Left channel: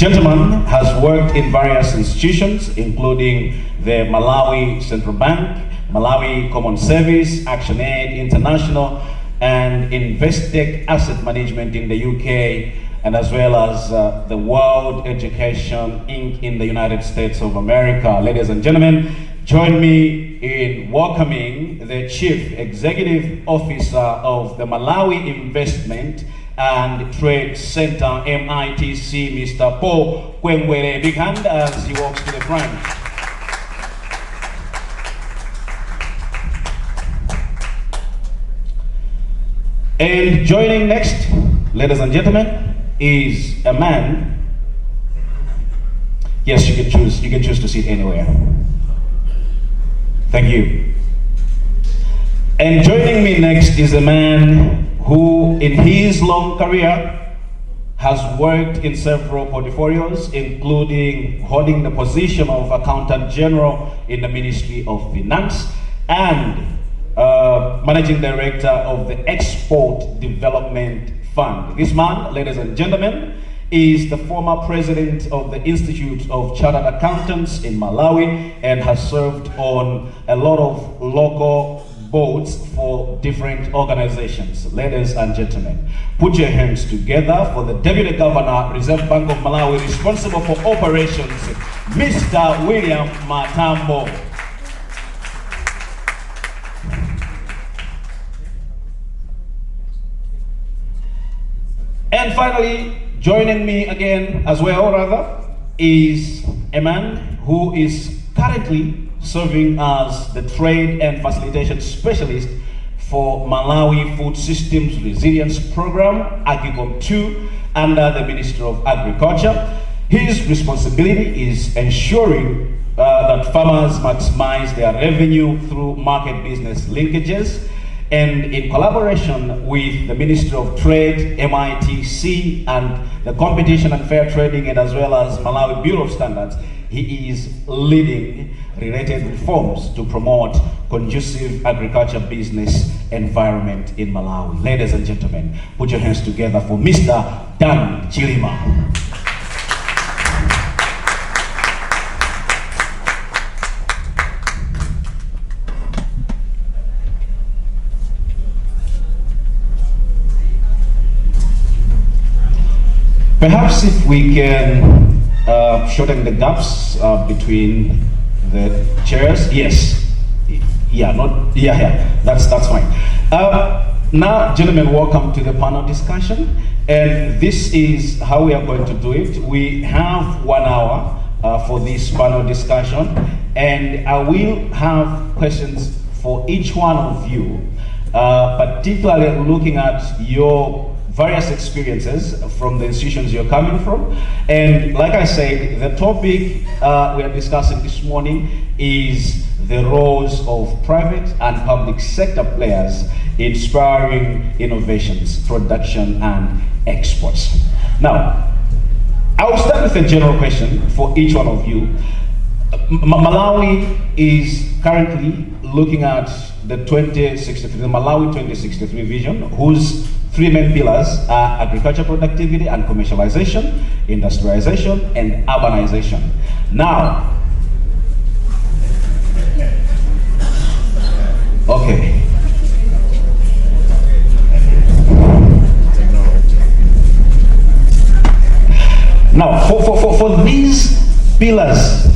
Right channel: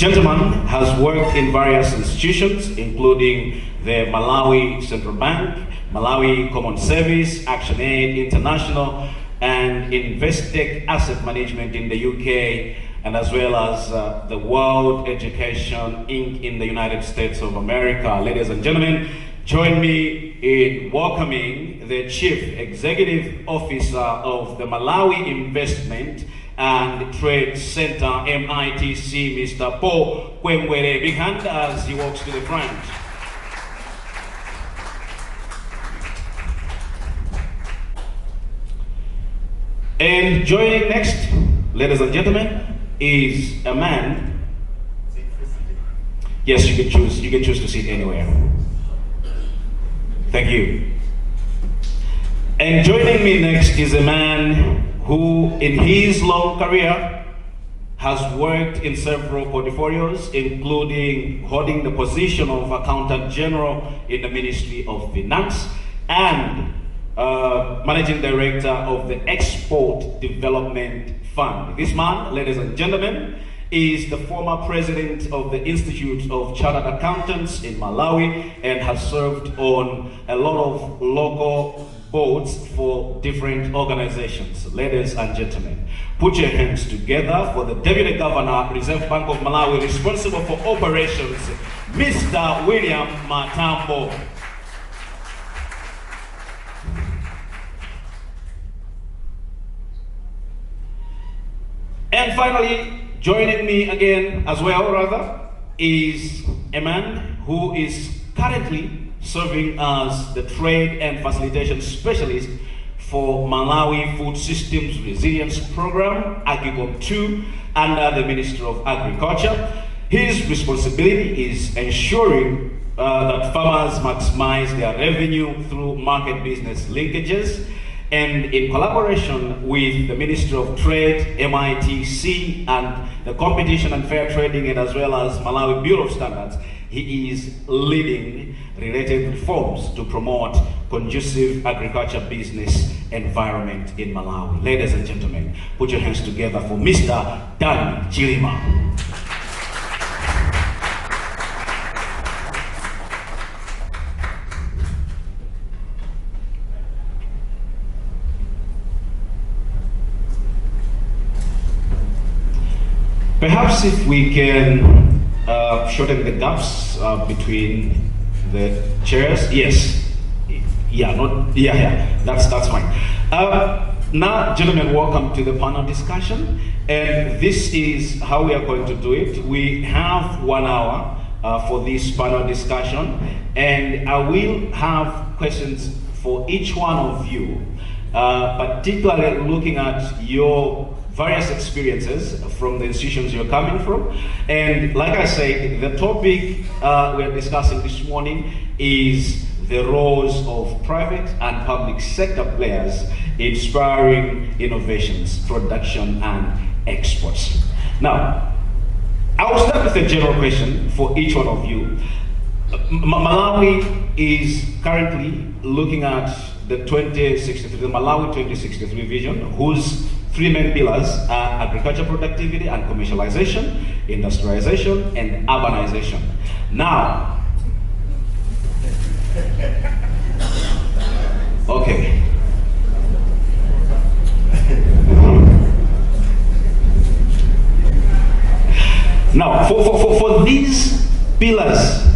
gentleman has worked in various institutions, including the Malawi Central Bank, Malawi Common Service, ActionAid International, and Investec Asset Management in the UK, and as well as the World Education Inc. in the United States of America. Ladies and gentlemen, join me in welcoming the Chief Executive Officer of the Malawi Investment and Trade Center, MITC, Mr. Paul Kwengwere. Big hand as he walks to the front. And joining next, ladies and gentlemen, is a man. Yes, you can choose to sit anywhere. Thank you. And joining me next is a man who, in his long career, has worked in several portfolios, including holding the position of Accountant General in the Ministry of Finance and Managing Director of the Export Development Fund. This man, ladies and gentlemen, is the former president of the Institute of Chartered Accountants in Malawi and has served on a lot of local boards for different organizations. Ladies and gentlemen, put your hands together for the Deputy Governor, Reserve Bank of Malawi, responsible for operations, Mr. William Matambo. And finally, joining me again as well, is a man who is currently serving as the Trade and Facilitation Specialist for Malawi Food Systems Resilience Program, AGICOM 2, under the Ministry of Agriculture. His responsibility is ensuring that farmers maximize their revenue through market business linkages, and in collaboration with the Ministry of Trade, MITC, and the Competition and Fair Trading, and as well as Malawi Bureau of Standards, he is leading related reforms to promote conducive agriculture business environment in Malawi. Ladies and gentlemen, put your hands together for Mr. Dan Chilima. Perhaps if we can shorten the gaps between the chairs. Yes. That's fine. Now, gentlemen, welcome to the panel discussion. And this is how we are going to do it. We have 1 hour for this panel discussion. And I will have questions for each one of you, particularly looking at your various experiences from the institutions you're coming from. And like I said, the topic we are discussing this morning is the roles of private and public sector players in spurring innovations, production, and exports. Now, I will start with a general question for each one of you. Malawi is currently looking at the Malawi 2063 vision, whose 3 main pillars are agriculture productivity and commercialization, industrialization, and urbanization. Now, okay. Now, for these pillars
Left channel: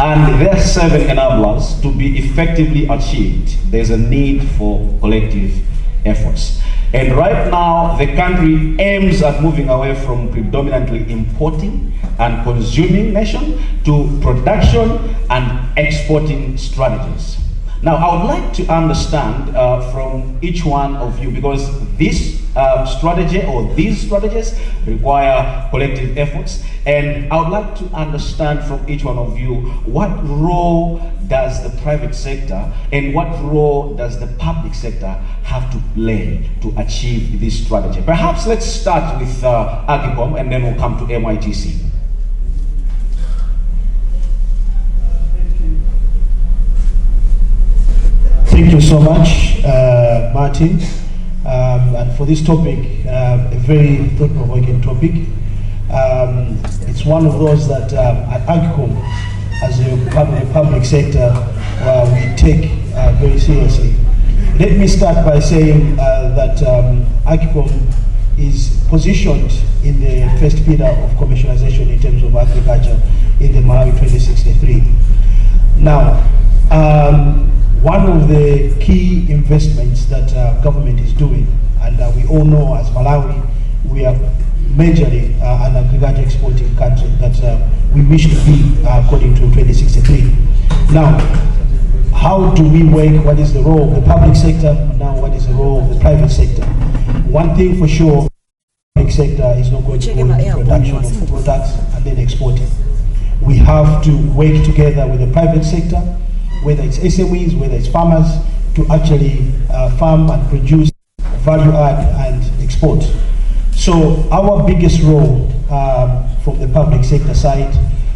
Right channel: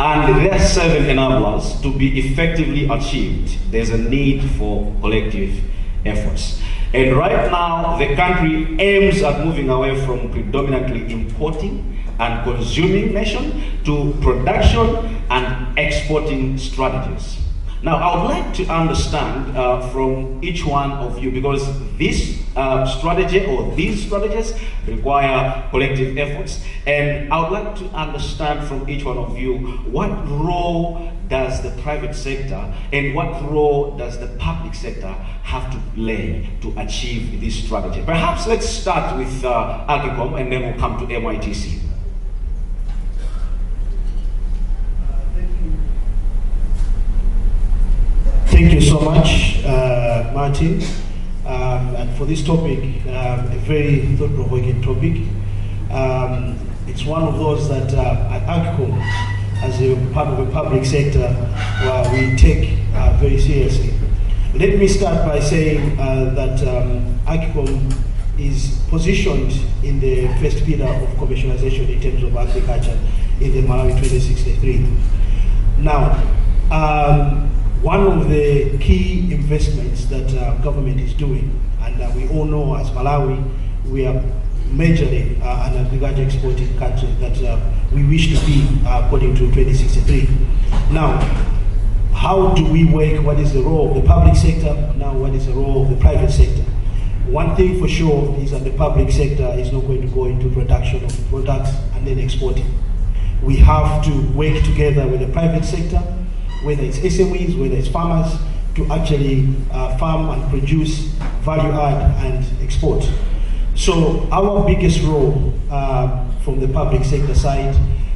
and their 7 enablers to be effectively achieved, there's a need for collective efforts. And right now, the country aims at moving away from predominantly importing and consuming nation to production and exporting strategies. Now, I would like to understand from each one of you, because this strategy or these strategies require collective efforts. And I would like to understand from each one of you, what role does the private sector and what role does the public sector have to play to achieve this strategy? Perhaps let's start with AGICOM and then we'll come to MITC. Thank you so much, Martin. And for this topic, a very thought-provoking topic. It's one of those that at AGCOM, as a part of the public sector, we take very seriously. Let me start by saying that AGCOM is positioned in the first pillar of commercialization in terms of agriculture in the Malawi 2063. Now, one of the key investments that government is doing, and we all know as Malawi, we are majorly an agriculture exporting country that we wish to be according to 2063. Now, how do we work? What is the role of the public sector? Now, what is the role of the private sector? One thing for sure is that the public sector is not going to go into production of products and then export it. We have to work together with the private sector, whether it's SMEs, whether it's farmers, to actually farm and produce value add and export. So our biggest role from the public sector side,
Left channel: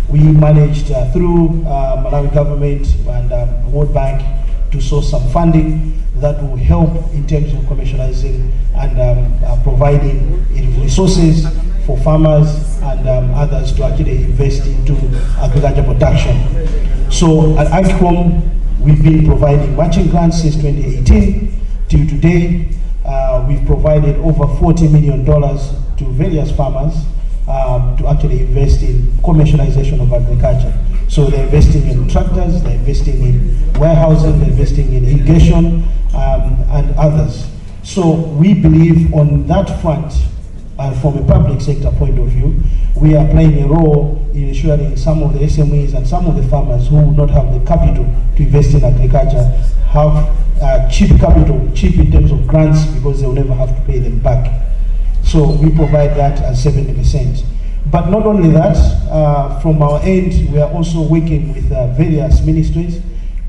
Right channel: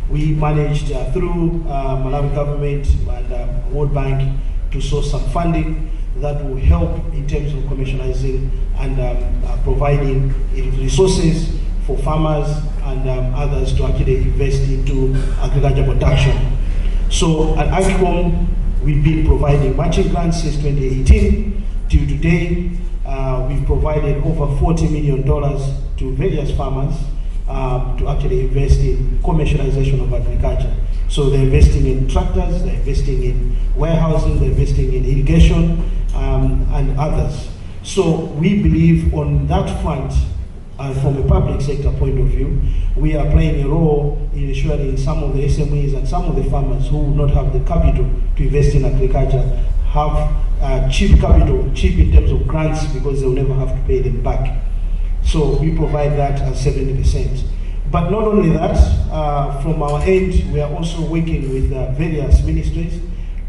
we managed through Malawi government and World Bank to source some funding that will help in terms of commercializing and providing resources for farmers and others to actually invest into agriculture production. So at AGCOM, we've been providing matching grants since 2018 till today. We've provided over $40 million to various farmers to actually invest in commercialization of agriculture. So they're investing in tractors, they're investing in warehousing, they're investing in irrigation, and others. So we believe on that front, from a public sector point of view, we are playing a role in ensuring some of the SMEs and some of the farmers who will not have the capital to invest in agriculture have cheap capital, cheap in terms of grants, because they'll never have to pay them back. So we provide that at 70%. But not only that, from our end, we are also working with various ministries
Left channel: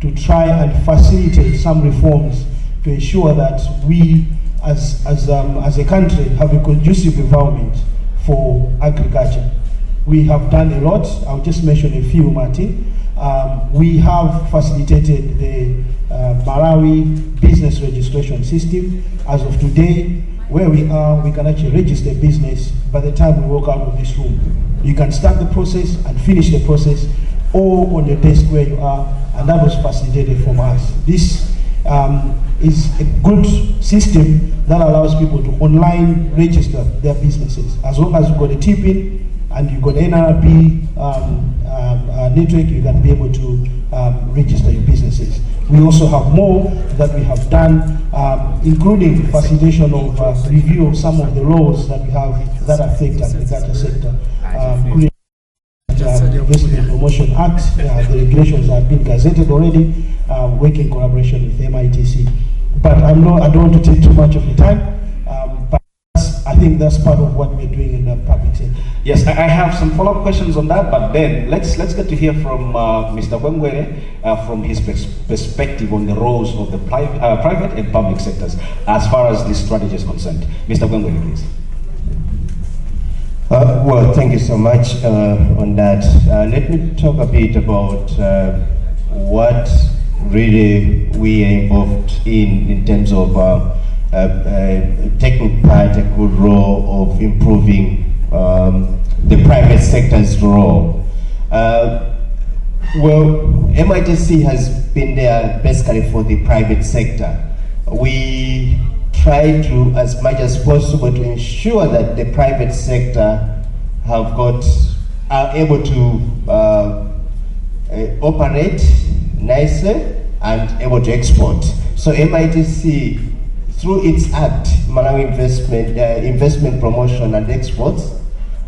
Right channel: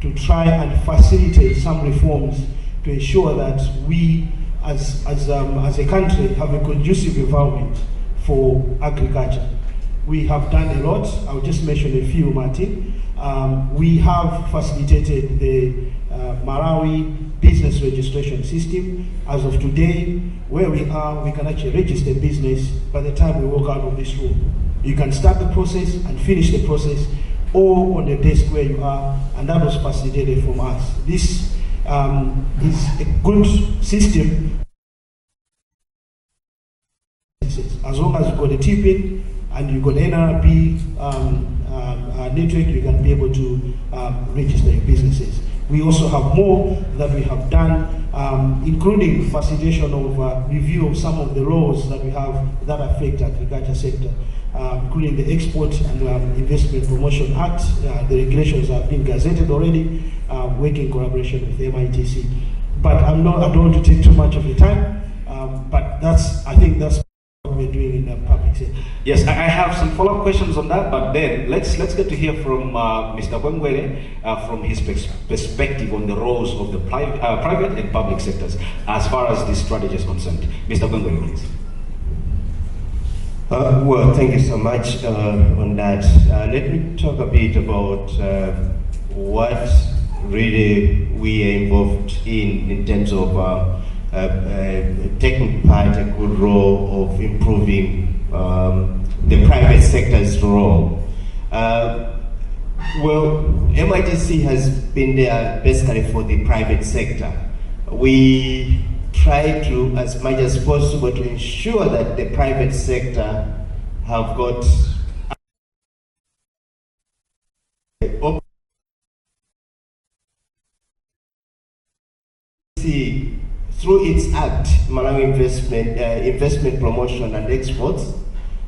to try and facilitate some reforms to ensure that we, as a country, have a conducive environment for agriculture. We have done a lot. I'll just mention a few, Martin. We have facilitated the Malawi business registration system. As of today, where we are, we can actually register business by the time we walk out of this room. You can start the process and finish the process all on the desk where you are, and that was facilitated from us. This is a good system that allows people to online register their businesses. As long as you've got a tip-in and you've got NRP network, you can be able to register your businesses. We also have more that we have done, including facilitation of review of some of the laws that we have that affect the agriculture sector, including the Export and Investment Promotion Act. The regulations have been gazetted already, working in collaboration with MITC. But I don't want to take too much of your time, but I think that's part of what we're doing in the public sector. Yes, I have some follow-up questions on that, but then let's get to hear from Mr. Gwengwere from his perspective on the roles of the private and public sectors as far as this strategy is concerned. Mr. Gwengwere, please. Well, thank you so much on that. Let me talk a bit about what really we are involved in terms of taking part a good role of improving the private sector's role. Well, MITC has been there basically for the private sector. We try to, as much as possible, to ensure that the private sector are able to operate nicely and able to export. So MITC, through its act, Malawi Investment Promotion and Exports,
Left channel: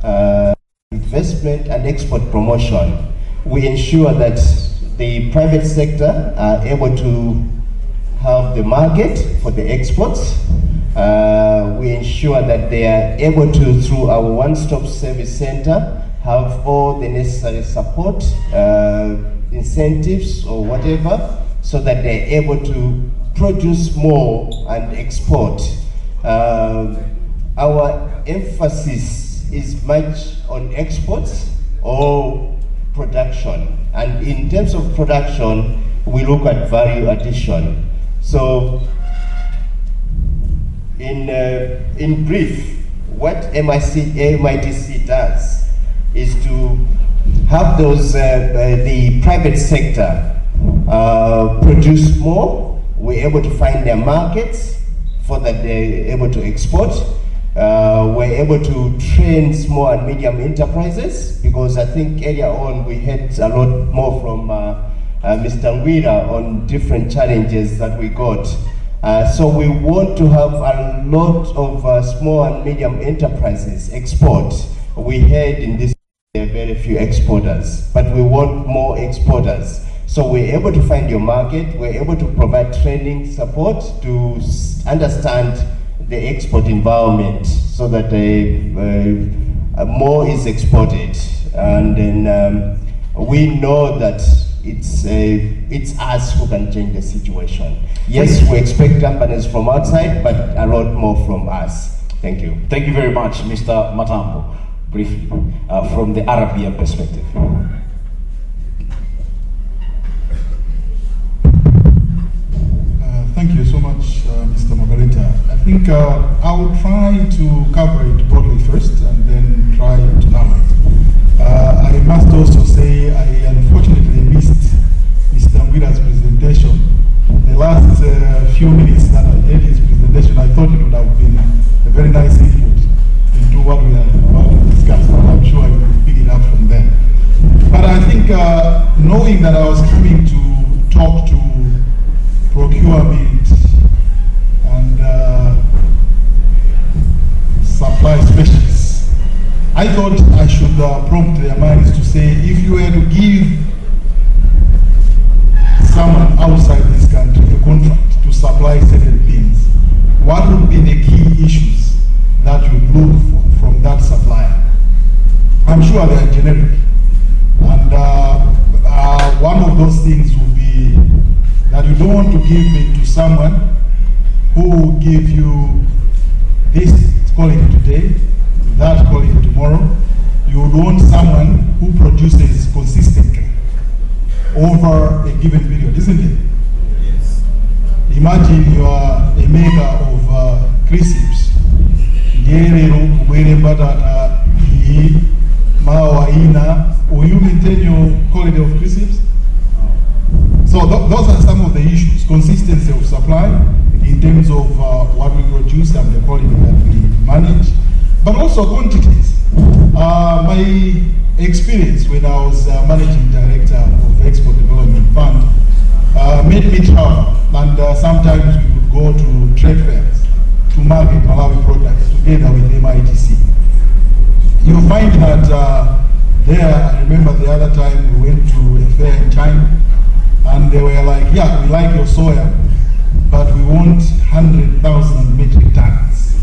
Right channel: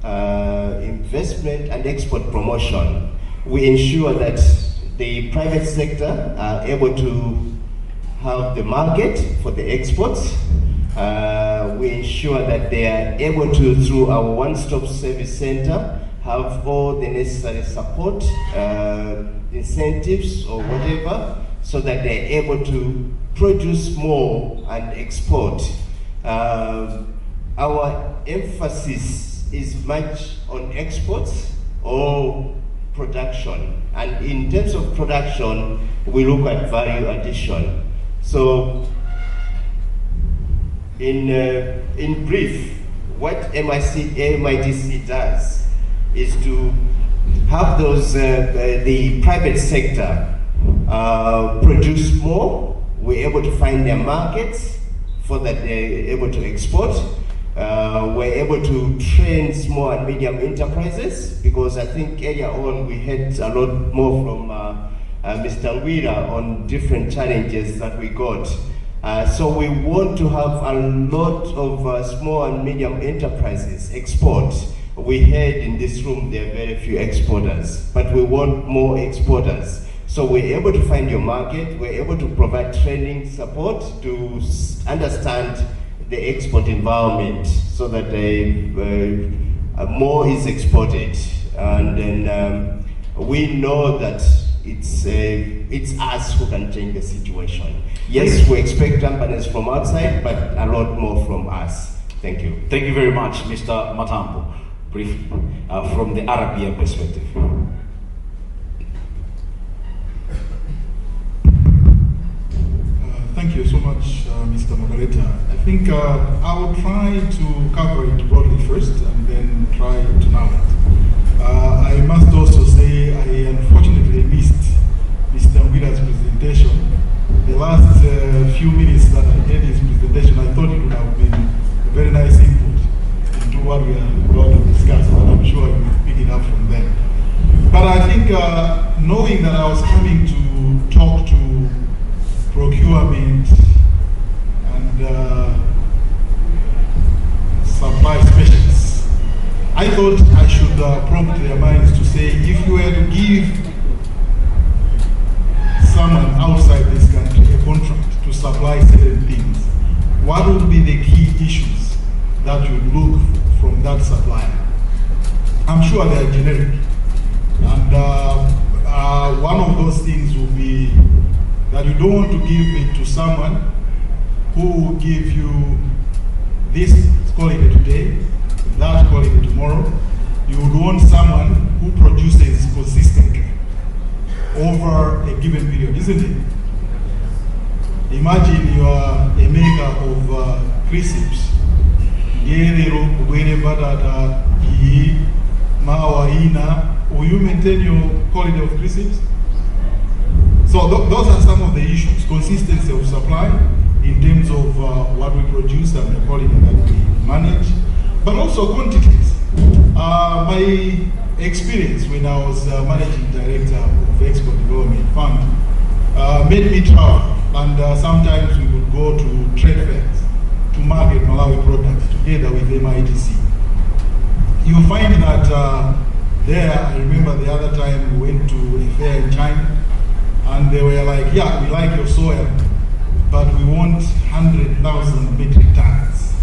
Investment and Export Promotion, we ensure that the private sector are able to have the market for the exports. We ensure that they are able to, through our one-stop service center, have all the necessary support, incentives or whatever, so that they're able to produce more and export. Our emphasis is much on exports or production. And in terms of production, we look at value addition. So, in brief, what MITC does is to have those the private sector produce more. We're able to find their markets for that they're able to export. We're able to train small and medium enterprises, because I think earlier on we had a lot more from Mr. Ngwira on different challenges that we got. So we want to have a lot of small and medium enterprises export. We heard in this room there are very few exporters, but we want more exporters. So we're able to find your market, we're able to provide training support to understand the export environment so that more is exported. And then we know that it's us who can change the situation. Yes, we expect companies from outside, but a lot more from us. Thank you. Thank you very much, Mr. Matambo. Briefly, from the Arabian perspective. Thank you so much, Mr. Moderator. I think I will try to cover it broadly first and then try to narrow it. I must also say I unfortunately missed Mr. Ngwira's presentation. The last few minutes that I heard his presentation, I thought it would have been a very nice input into what we are about to discuss, but I'm sure you will pick it up from there. But I think knowing that I was coming to talk to procurement and supply specialists, I thought I should prompt their minds to say, if you were to give someone outside this country a contract to supply certain things, what would be the key issues that you look for from that supplier? I'm sure they are generic. And one of those things will be that you don't want to give it to someone who will give you this quality today, that quality tomorrow. You would want someone who produces consistently over a given period, isn't it? Imagine you are a maker of crisps. Will you maintain your quality of crisps? So those are some of the issues. Consistency of supply in terms of what we produce and the quality that we manage, but also quantities. My experience when I was managing director of Export Development Fund made me travel, and sometimes we would go to trade fairs to market Malawi products together with MITC. You find that there, I remember the other time we went to a fair in China, and they were like, yeah, we like your soya, but we want 100,000 metric tons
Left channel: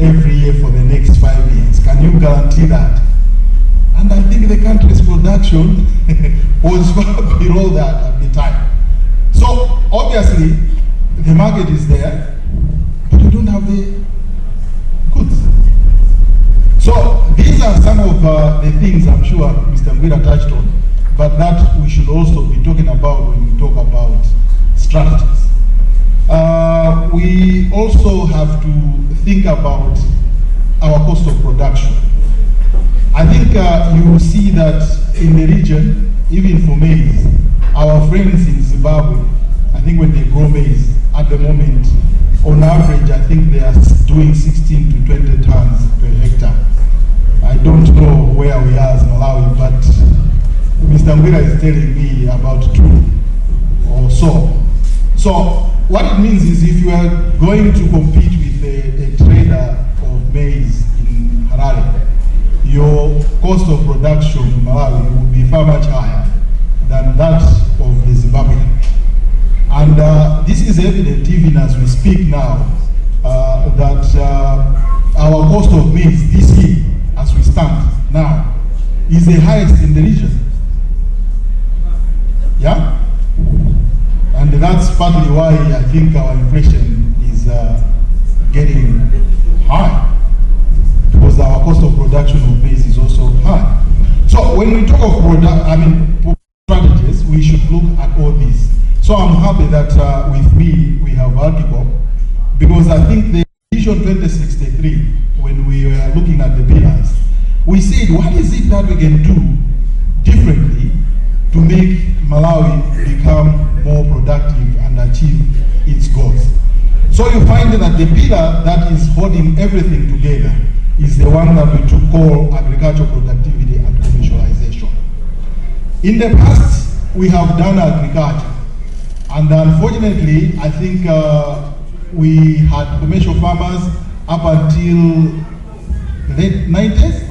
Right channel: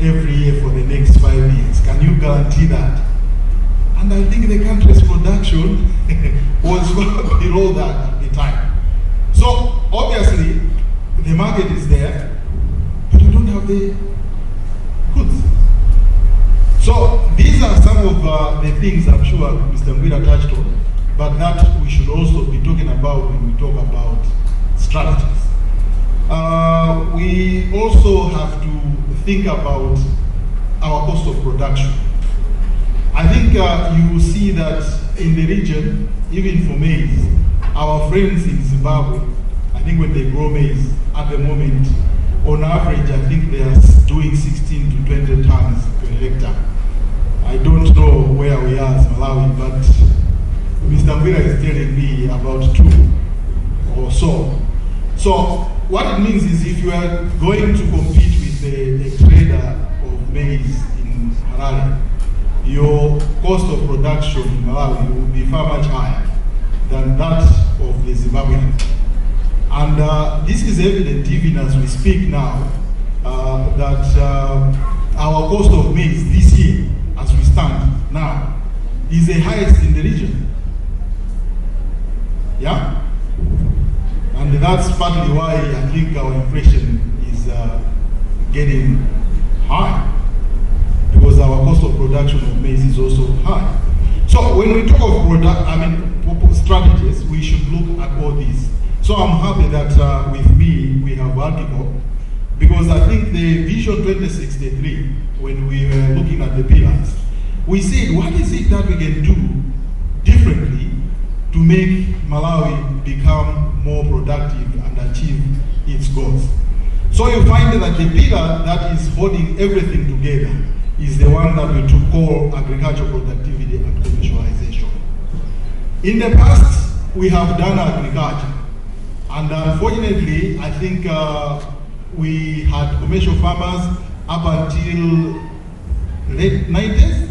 every year for the next 5 years. Can you guarantee that? And I think the country's production was below that at the time. So obviously, the market is there, but you don't have the goods. So these are some of the things I'm sure Mr. Ngwira touched on, but that we should also be talking about when we talk about strategies. We also have to think about our cost of production. I think you will see that in the region, even for maize, our friends in Zimbabwe, I think when they grow maize, at the moment, on average, I think they are doing 16 to 20 tons per hectare. I don't know where we are as Malawi, but Mr. Ngwira is telling me about 2 or so. So what it means is if you are going to compete with a trader of maize in Harare, your cost of production in Malawi will be far much higher than that of the Zimbabwean. And this is evident even as we speak now, that our cost of maize this year, as we stand now, is the highest in the region. Yeah? And that's partly why I think our inflation is getting high, because our cost of production of maize is also high. So when we talk of strategies, we should look at all these. So I'm happy that with me we have article, because I think the Vision 2063, when we were looking at the pillars, we said, what is it that we can do differently to make Malawi become more productive and achieve its goals? So you find that the pillar that is holding everything together is the one that we took call agricultural productivity and commercialization. In the past, we have done agriculture, and unfortunately, I think we had commercial farmers up until late 90s,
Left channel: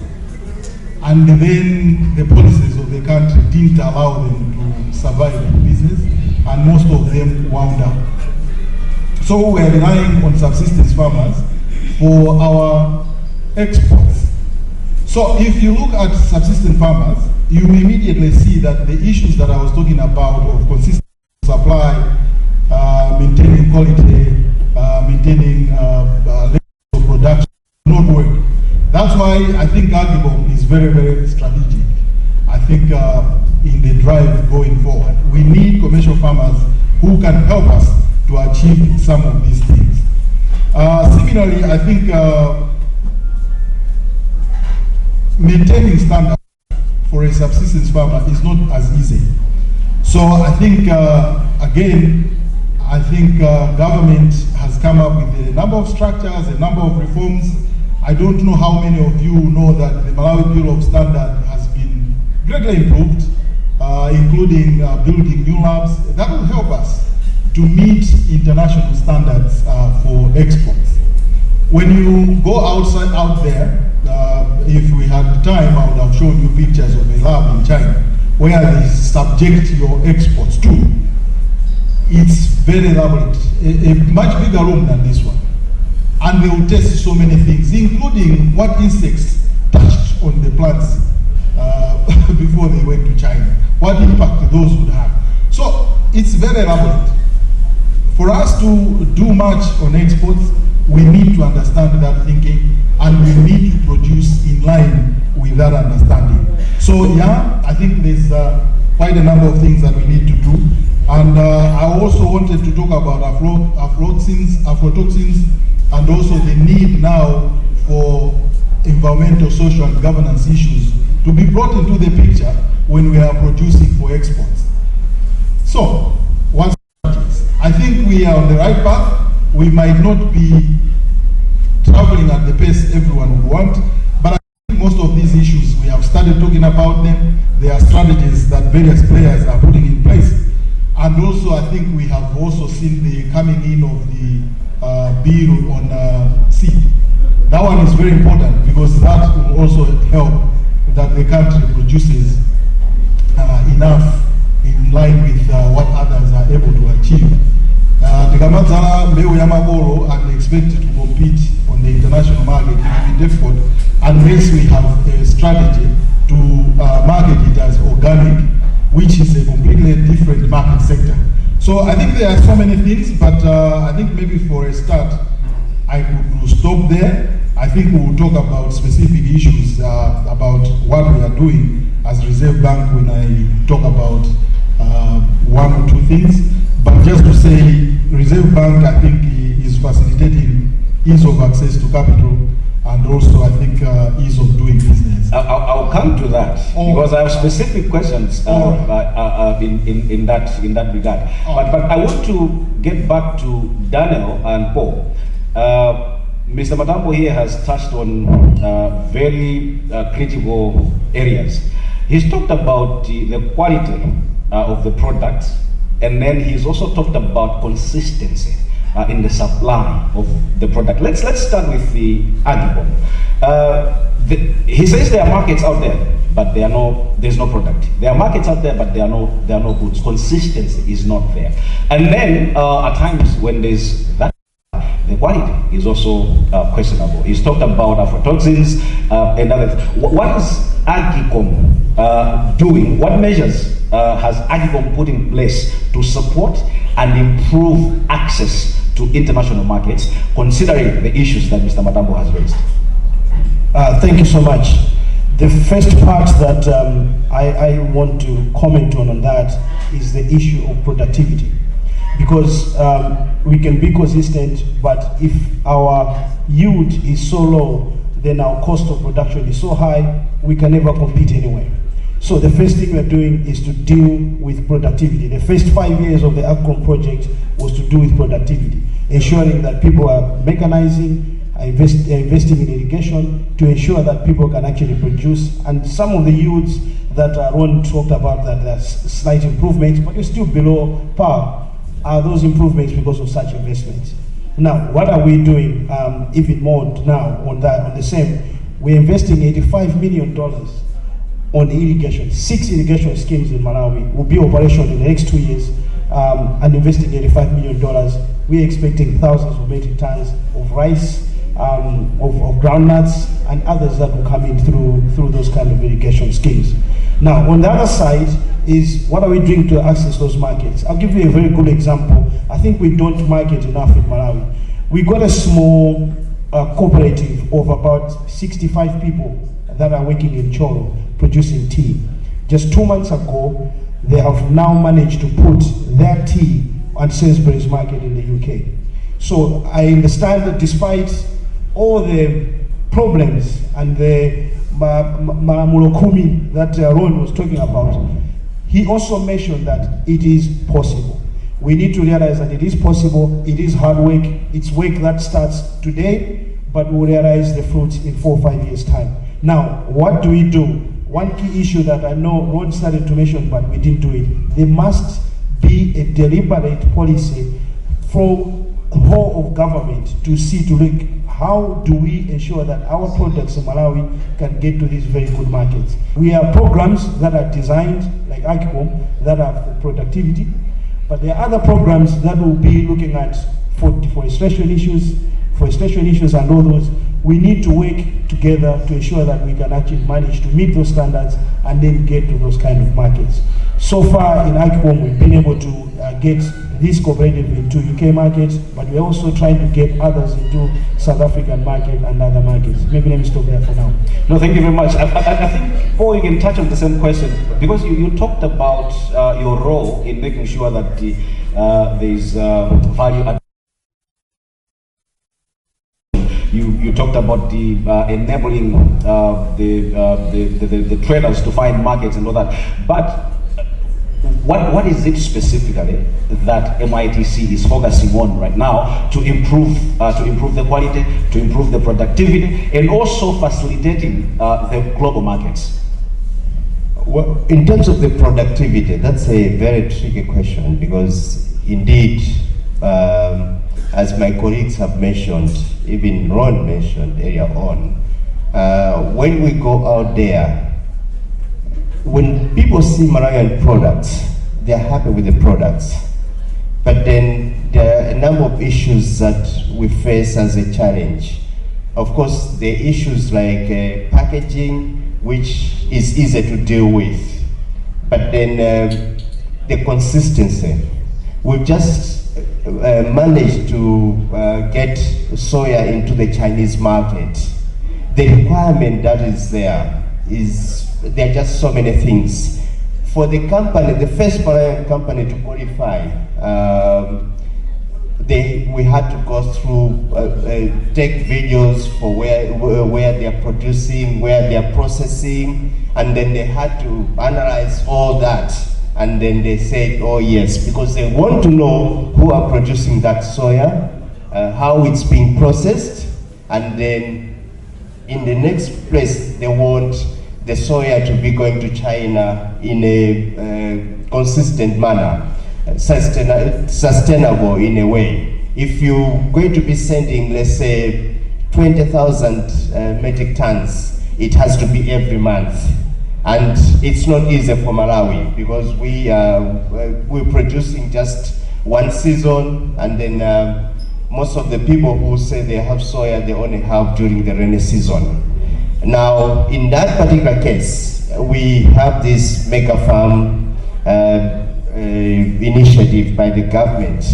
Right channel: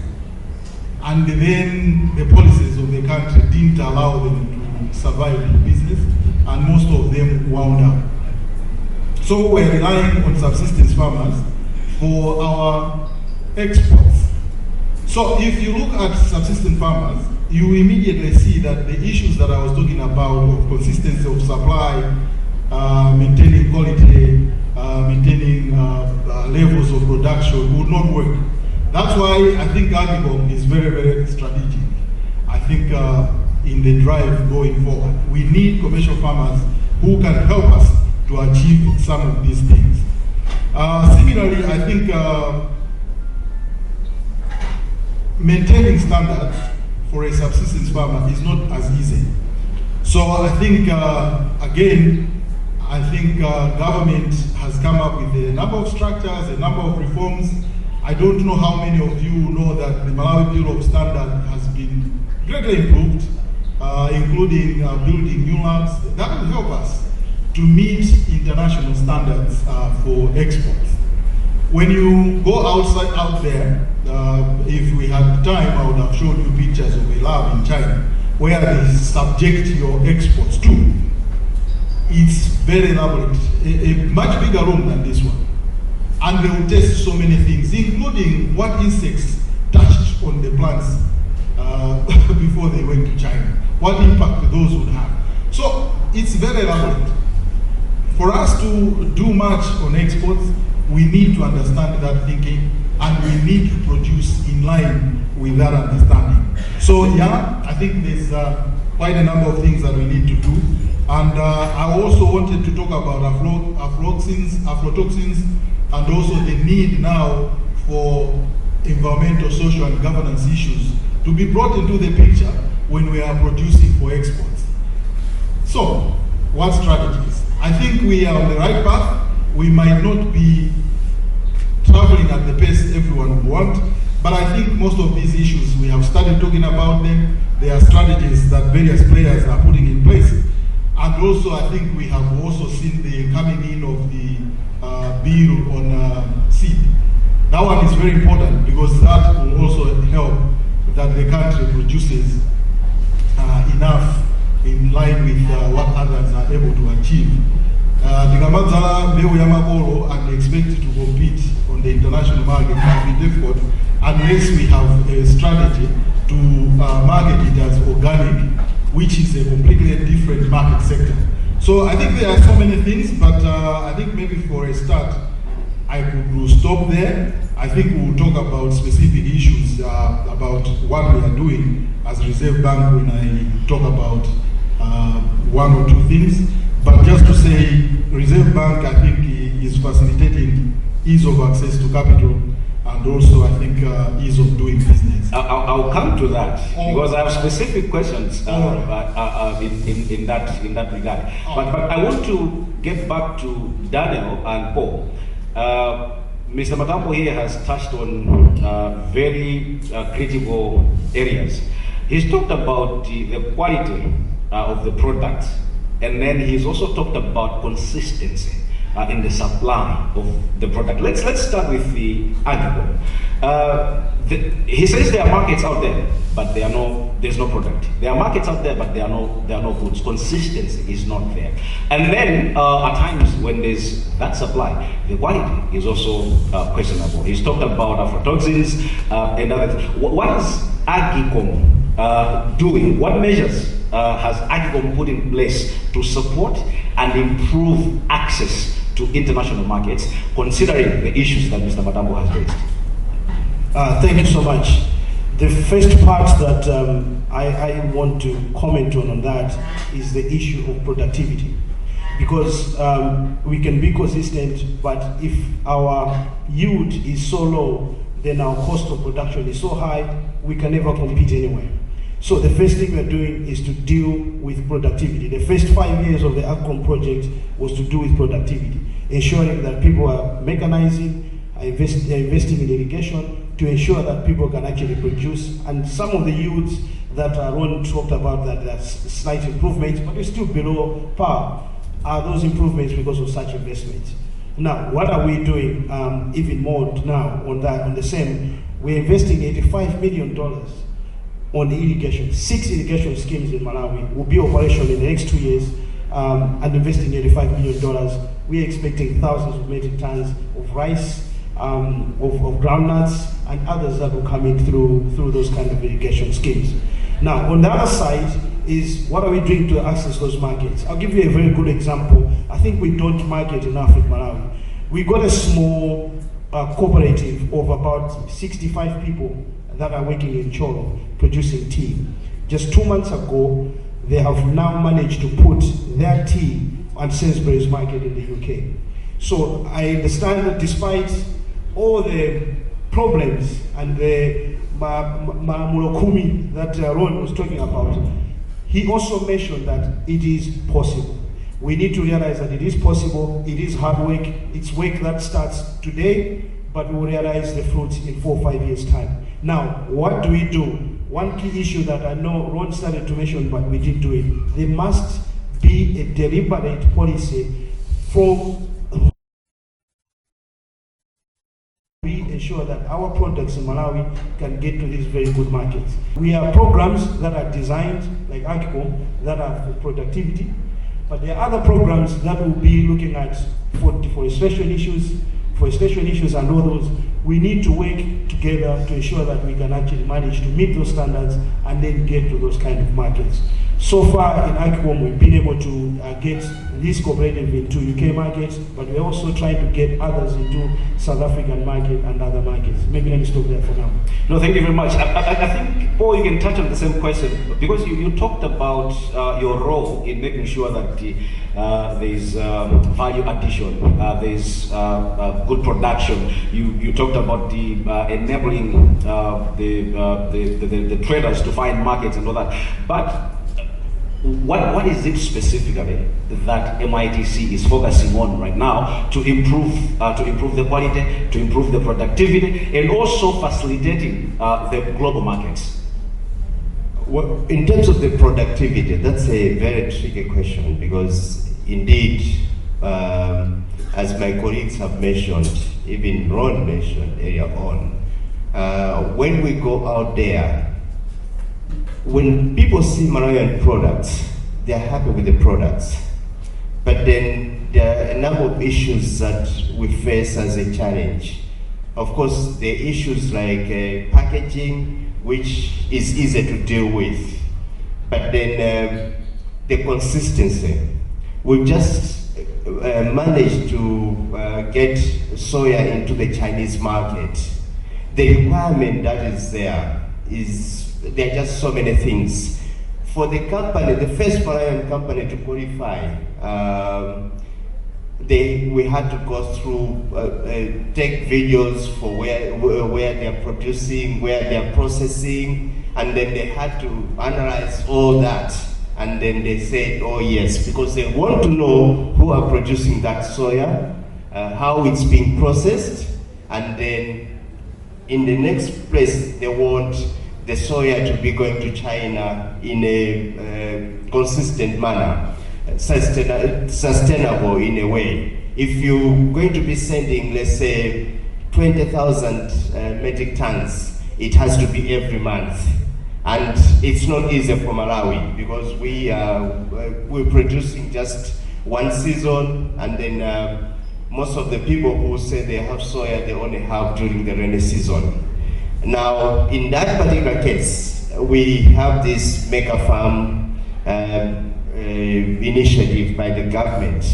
and then the policies of the country didn't allow them to survive in business, and most of them wound up. So we're relying on subsistence farmers for our exports. So if you look at subsistence farmers, you immediately see that the issues that I was talking about of consistency of supply, maintaining quality, maintaining levels of production would not work. That's why I think Agriculture is very, very strategic. I think in the drive going forward, we need commercial farmers who can help us to achieve some of these things. Similarly, I think maintaining standards for a subsistence farmer is not as easy. So I think, again, I think government has come up with a number of structures, a number of reforms. I don't know how many of you know that the Malawi Bureau of Standard has been greatly improved, including building new labs. That will help us to meet international standards for exports. When you go out there, if we had time, I would have shown you pictures of a lab in China where they subject your exports to. It's very elaborate, a much bigger room than this one. And they will test so many things, including what insects touched on the plants before they went to China, what impact those would have. So it's very elaborate. For us to do much on exports, we need to understand that thinking, and we need to produce in line with that understanding. So yeah, I think there's quite a number of things that we need to do. And I also wanted to talk about aflatoxins, and also the need now for environmental, social, and governance issues to be brought into the picture when we are producing for exports. So, what strategies? I think we are on the right path. We might not be traveling at the pace everyone would want, but I think most of these issues, we have started talking about them. There are strategies that various players are putting in place. And also, I think we have also seen the coming in of the bill on seed. That one is very important because that will also help that the country produces enough in line with what others are able to achieve. Tikamazala mbeu ya magoro and expected to compete on the international market will be difficult unless we have a strategy to market it as organic, which is a completely different market sector. So I think there are so many things, but I think maybe for a start, I could stop there. I think we will talk about specific issues about what we are doing as Reserve Bank when I talk about one or two things. But just to say, Reserve Bank, I think, is facilitating ease of access to capital and also, I think, ease of doing business. I'll come to that because I have specific questions in that regard. But I want to get back to Daniel and Paul. Mr. Matambo here has touched on very critical areas. He's talked about the quality of the products, and then he's also talked about consistency in the supply of the product. Let's start with the agriculture. He says there are markets out there, but there's no product. There are markets out there, but there are no goods. Consistency is not there. And then at times when there's that supply, the quality is also questionable. He's talked about aflatoxins and other things. What is Agicom doing? What measures has Agicom put in place to support and improve access to international markets, considering the issues that Mr. Matambo has raised? Thank you so much. The first part that I want to comment on that is the issue of productivity. Because we can be consistent, but if our yield is so low then our cost of production is so high, we can never compete anywhere. So the first thing we're doing is to deal with productivity. The first 5 years of the AGCOM project was to do with productivity, ensuring that people are mechanizing, investing in irrigation to ensure that people can actually produce. And some of the yields that Ron talked about, that there's slight improvements, but it's still below par, are those improvements because of such investments. Now, what are we doing even more now on the same? We're investing $85 million on the irrigation. 6 irrigation schemes in Malawi will be operational in the next 2 years, and investing $85 million. We're expecting thousands of metric tons of rice, of groundnuts, and others that will come in through those kind of irrigation schemes. Now, on the other side is, what are we doing to access those markets? I'll give you a very good example. I think we don't market enough in Malawi. We got a small cooperative of about 65 people that are working in Cholo producing tea. Just 2 months ago, they have now managed to put their tea on Sainsbury's market in the UK. So I understand that despite all the problems and the Maramulokumi that Ron was talking about, he also mentioned that it is possible. We need to realize that it is possible. It is hard work. It's work that starts today, but we'll realize the fruits in 4 or 5 years' time. Now, what do we do? One key issue that I know Ron started to mention, but we didn't do it. There must be a deliberate policy for the whole of government to see to look, how do we ensure that our products in Malawi can get to these very good markets? We have programs that are designed, like AGCOM, that are for productivity, but there are other programs that will be looking at forestation issues and all those. We need to work together to ensure that we can actually manage to meet those standards and then get to those kind of markets. So far in AGCOM, we've been able to get this cooperative into UK markets, but we're also trying to get others into South African market and other markets. Maybe let me stop there for now. No, thank you very much. I think, Paul, you can touch on the same question, because you talked about your role in making sure that there's value addition, there's good production. You talked about the enabling the traders to find markets and all that. But what is it specifically that MITC is focusing on right now to improve the quality, to improve the productivity, and also facilitating the global markets? Well, in terms of the productivity, that's a very tricky question, because indeed, as my colleagues have mentioned, even Ron mentioned earlier on, when we go out there, when people see Malawian products, they're happy with the products. But then there are a number of issues that we face as a challenge. Of course, the issues like packaging, which is easy to deal with. But then the consistency. We've just managed to get soya into the Chinese market. The requirement that is there are just so many things. For the company, the first Malawian company to qualify, we had to go through, take videos for where they're producing, where they're processing, and then they had to analyze all that. And then they said, oh yes, because they want to know who are producing that soya, how it's being processed, and then in the next place, they want the soya to be going to China in a consistent manner, sustainable in a way. If you're going to be sending, let's say, 20,000 metric tons, it has to be every month. And it's not easy for Malawi, because we're producing just one season, and then most of the people who say they have soya, they only have during the rainy season. Now, in that particular case, we have this mega farm initiative by the government.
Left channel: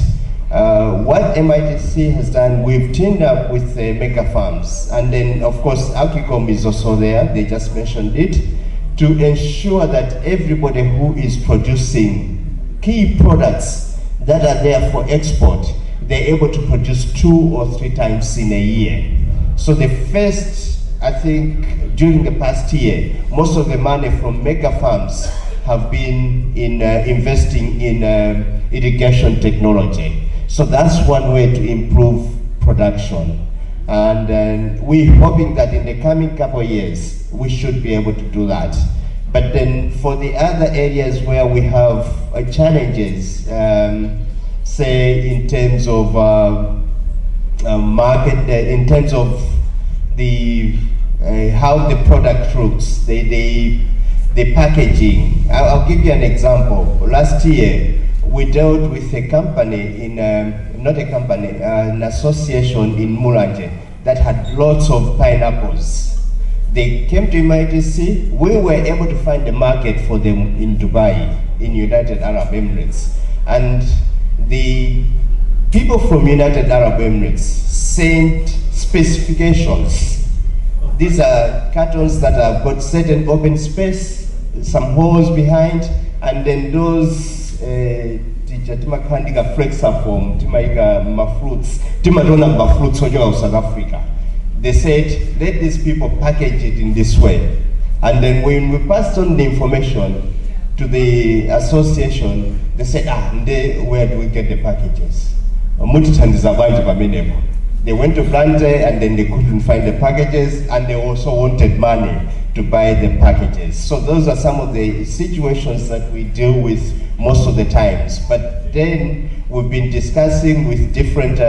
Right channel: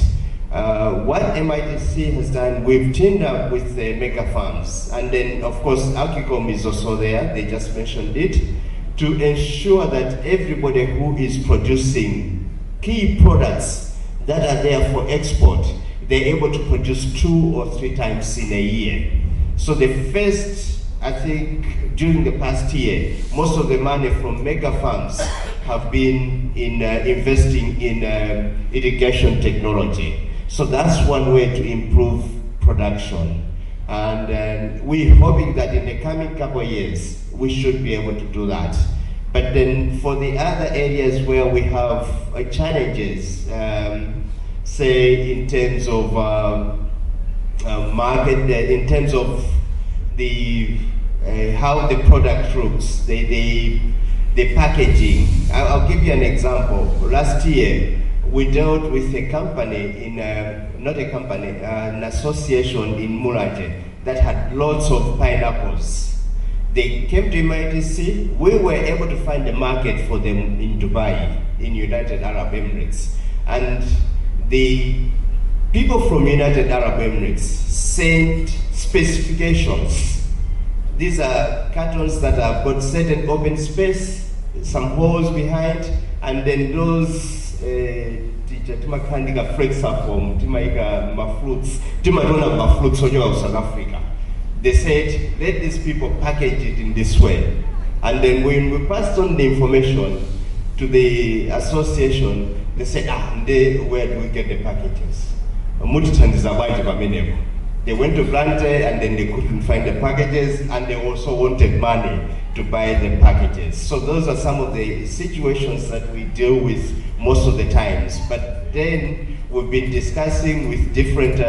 What MITC has done, we've teamed up with the mega farms, and then of course Agcom is also there, they just mentioned it, to ensure that everybody who is producing key products that are there for export, they're able to produce 2 or 3 times in a year. So the first I think during the past year, most of the money from mega farms have been in investing in irrigation technology. So that's one way to improve production. And we're hoping that in the coming couple of years, we should be able to do that. But then for the other areas where we have challenges, say in terms of market, in terms of the how the product looks, the packaging. I'll give you an example. Last year, we dealt with a company in, not a company, an association in Mulanje that had lots of pineapples. They came to MITC. We were able to find a market for them in Dubai, in United Arab Emirates. And the people from United Arab Emirates sent specifications. These are cartons that have got certain open space, some holes behind, and then those timakandika flexiform, timaika mafruits, timadona mafruits of South Africa. They said, let these people package it in this way. And then when we passed on the information to the association, they said, where do we get the packages? They went to Blante and then they couldn't find the packages, and they also wanted money to buy the packages. So those are some of the situations that we deal with most of the times. But then we've been discussing with different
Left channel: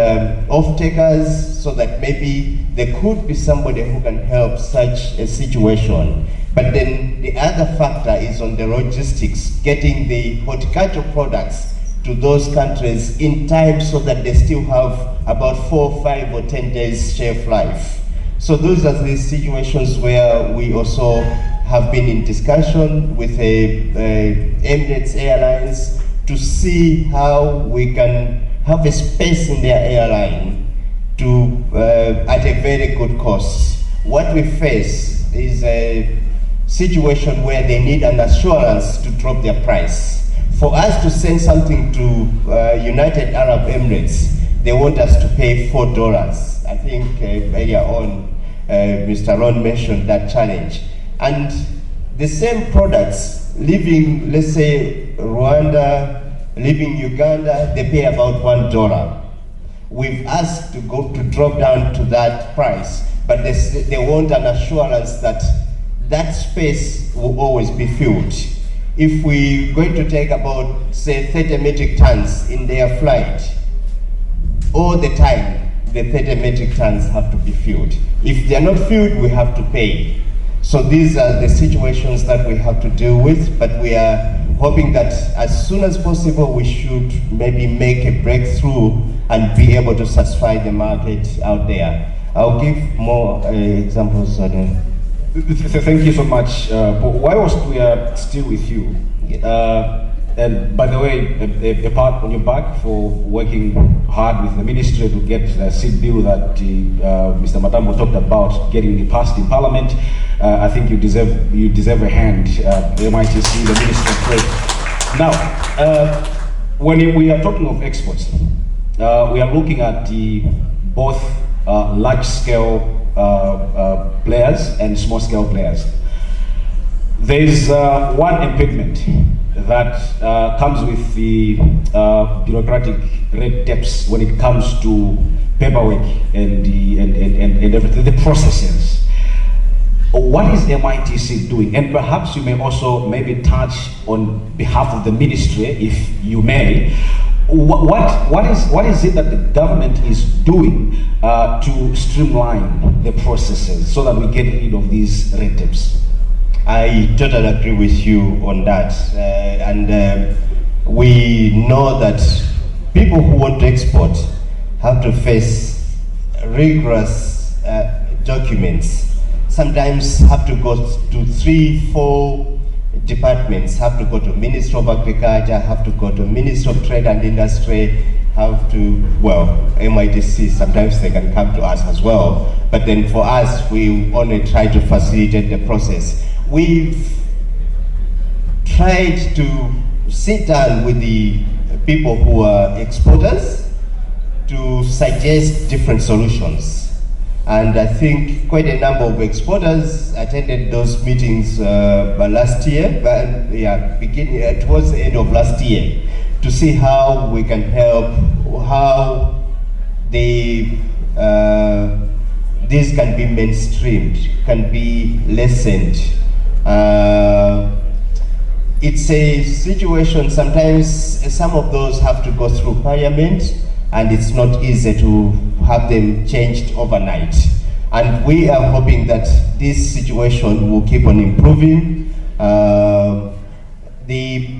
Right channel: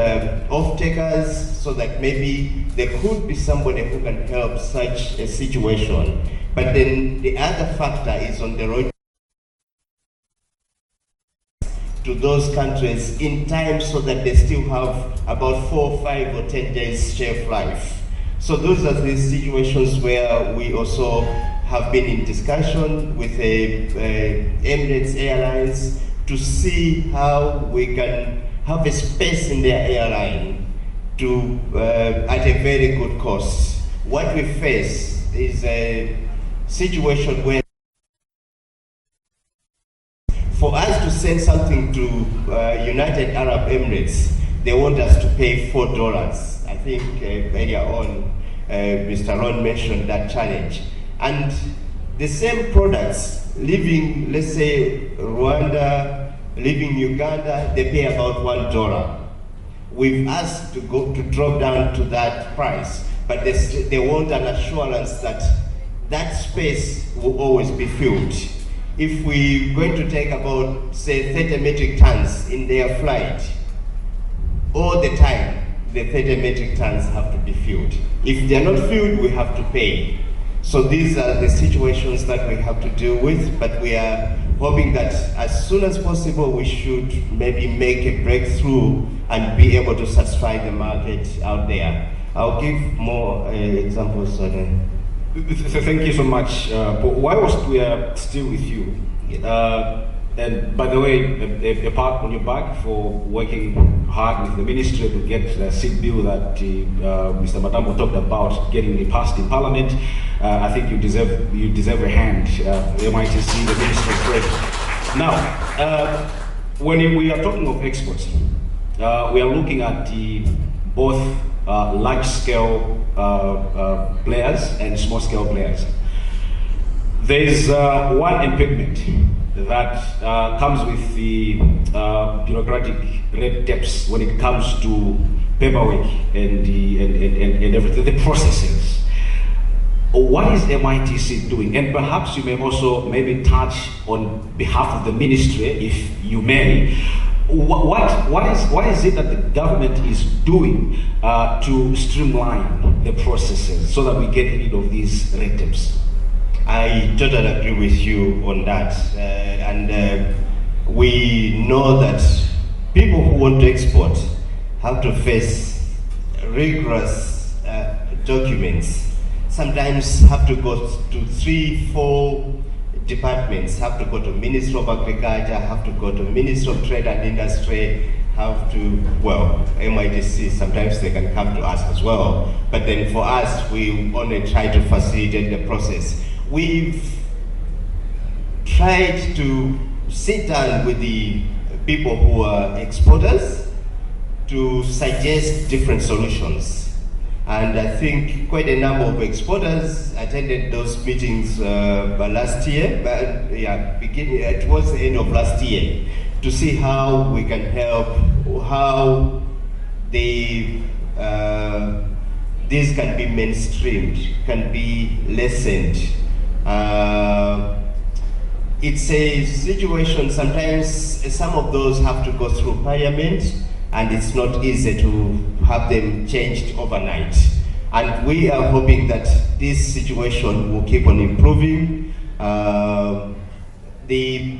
off-takers so that maybe there could be somebody who can help such a situation. But then the other factor is on the logistics, getting the horticultural products to those countries in time so that they still have about 4, 5, or 10 days shelf life. So those are the situations where we also have been in discussion with Emirates Airlines to see how we can have a space in their airline to at a very good cost. What we face is a situation where they need an assurance to drop their price. For us to send something to United Arab Emirates, they want us to pay $4. I think earlier on, Mr. Ron mentioned that challenge. And the same products, leaving, let's say, Rwanda, leaving Uganda, they pay about $1. We've asked to drop down to that price, but they want an assurance that that space will always be filled. If we're going to take about, say, 30 metric tons in their flight, all the time, the 30 metric tons have to be filled. If they're not filled, we have to pay. So these are the situations that we have to deal with, but we are hoping that as soon as possible, we should maybe make a breakthrough and be able to satisfy the market out there. I'll give more examples on Thank you so much. Whilst we are still with you, and by the way, a pat on your back for working hard with the ministry to get the seed bill that Mr. Matambo talked about getting passed in Parliament. I think you deserve a hand. The MITC, the Ministry of Trade. Now, when we are talking of exports, we are looking at both large-scale players and small-scale players. There is one impediment that comes with the bureaucratic red tapes when it comes to paperwork and everything, the processes. What is MITC doing? And perhaps you may also maybe touch on behalf of the ministry, if you may. What is it that the government is doing to streamline the processes so that we get rid of these red tapes? I totally agree with you on that. We know that people who want to export have to face rigorous documents. Sometimes have to go to 3, 4 departments, have to go to Ministry of Agriculture, have to go to Ministry of Trade and Industry, have to, well, MITC, sometimes they can come to us as well. But then for us, we only try to facilitate the process. We've tried to sit down with the people who are exporters to suggest different solutions. And I think quite a number of exporters attended those meetings last year, but yeah, towards the end of last year, to see how we can help, how this can be mainstreamed, can be lessened. It's a situation, sometimes some of those have to go through parliament, and it's not easy to have them changed overnight. And we are hoping that this situation will keep on improving. The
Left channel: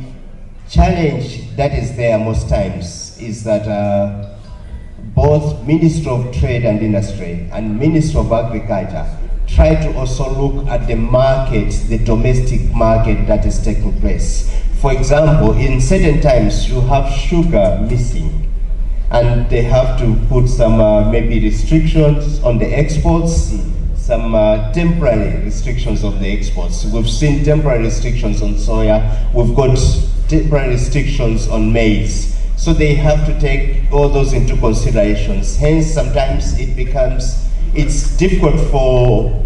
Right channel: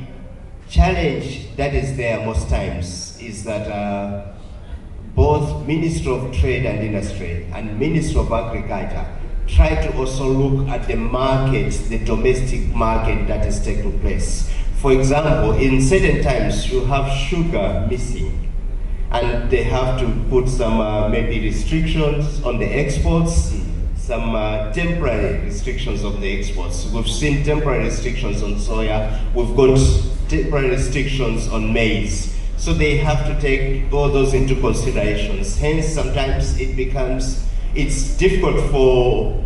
challenge that is there most times is that both Ministry of Trade and Industry and Ministry of Agriculture try to also look at the market, the domestic market that is taking place. For example, in certain times you have sugar missing, and they have to put some maybe restrictions on the exports, some temporary restrictions on the exports. We've seen temporary restrictions on soya, we've got temporary restrictions on maize. So they have to take all those into considerations. Hence, sometimes it's difficult for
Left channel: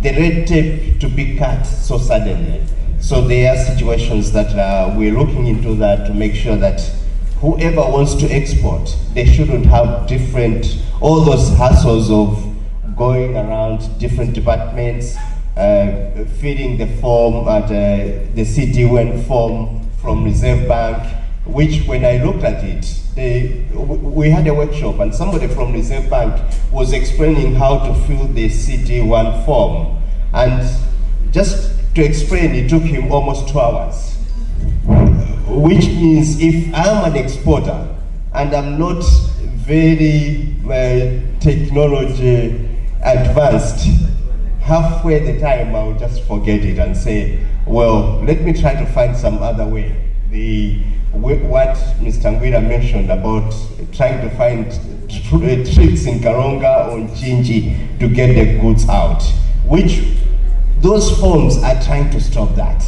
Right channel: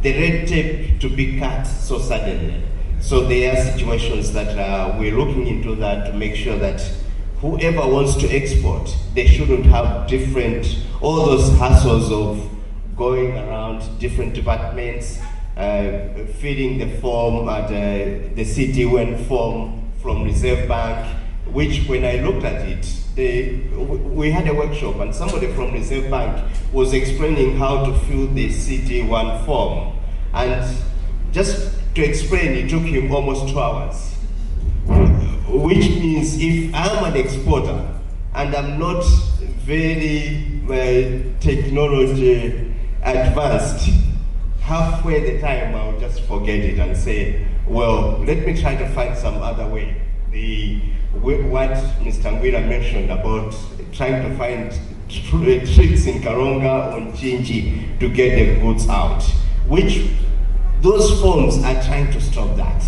the red tape to be cut so suddenly. So there are situations that we're looking into that to make sure that whoever wants to export, they shouldn't have all those hassles of going around different departments, filling the form at the CT1 form from Reserve Bank, which when I looked at it, we had a workshop and somebody from Reserve Bank was explaining how to fill the CT1 form. And just to explain, it took him almost 2 hours. Which means if I'm an exporter and I'm not very technology advanced, halfway the time I'll just forget it and say, well, let me try to find some other way. What Mr. Ngwira mentioned about trying to find tricks in Karonga or Chinji to get the goods out, which those forms are trying to stop that.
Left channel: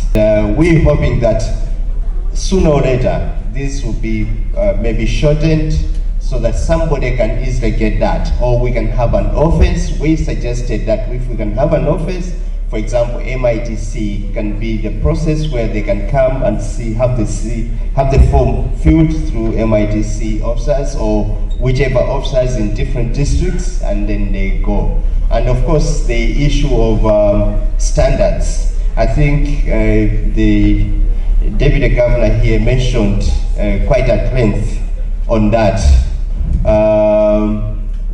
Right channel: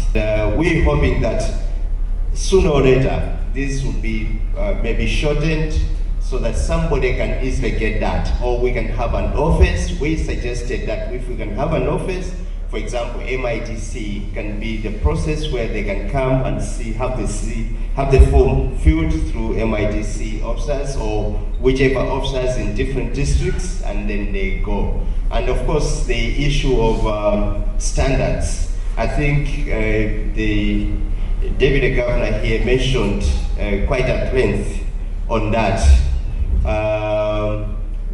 We're hoping that sooner or later this will be maybe shortened so that somebody can easily get that, or we can have an office. We suggested that if we can have an office, for example, MITC can be the process where they can come and have the form filled through MITC officers or whichever officers in different districts, and then they go. And of course, the issue of standards. I think the Deputy Governor here mentioned quite at length on that,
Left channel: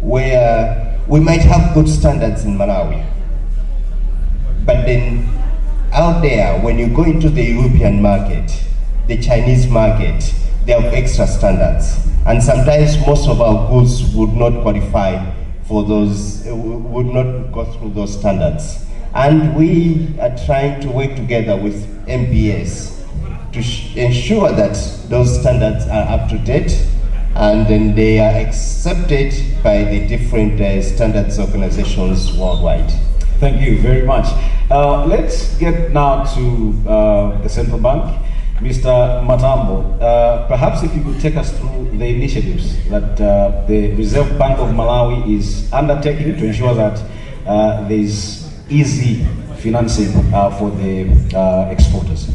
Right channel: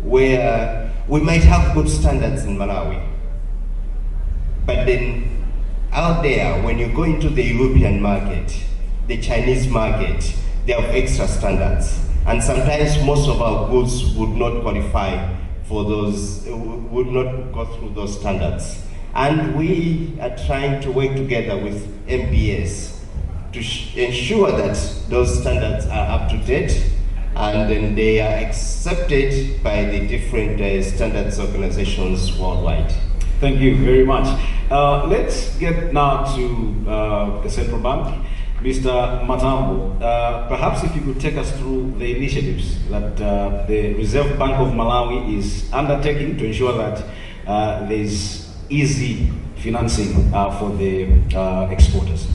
where we might have good standards in Malawi. But then out there, when you go into the European market, the Chinese market, they have extra standards. And sometimes most of our goods would not qualify for those, would not go through those standards. And we are trying to work together with MPS to ensure that those standards are up to date and then they are accepted by the different standards organizations worldwide. Thank you very much. Let's get now to the Central Bank. Mr. Matambo, perhaps if you could take us through the initiatives that the Reserve Bank of Malawi is undertaking to ensure that there is easy financing for the exporters.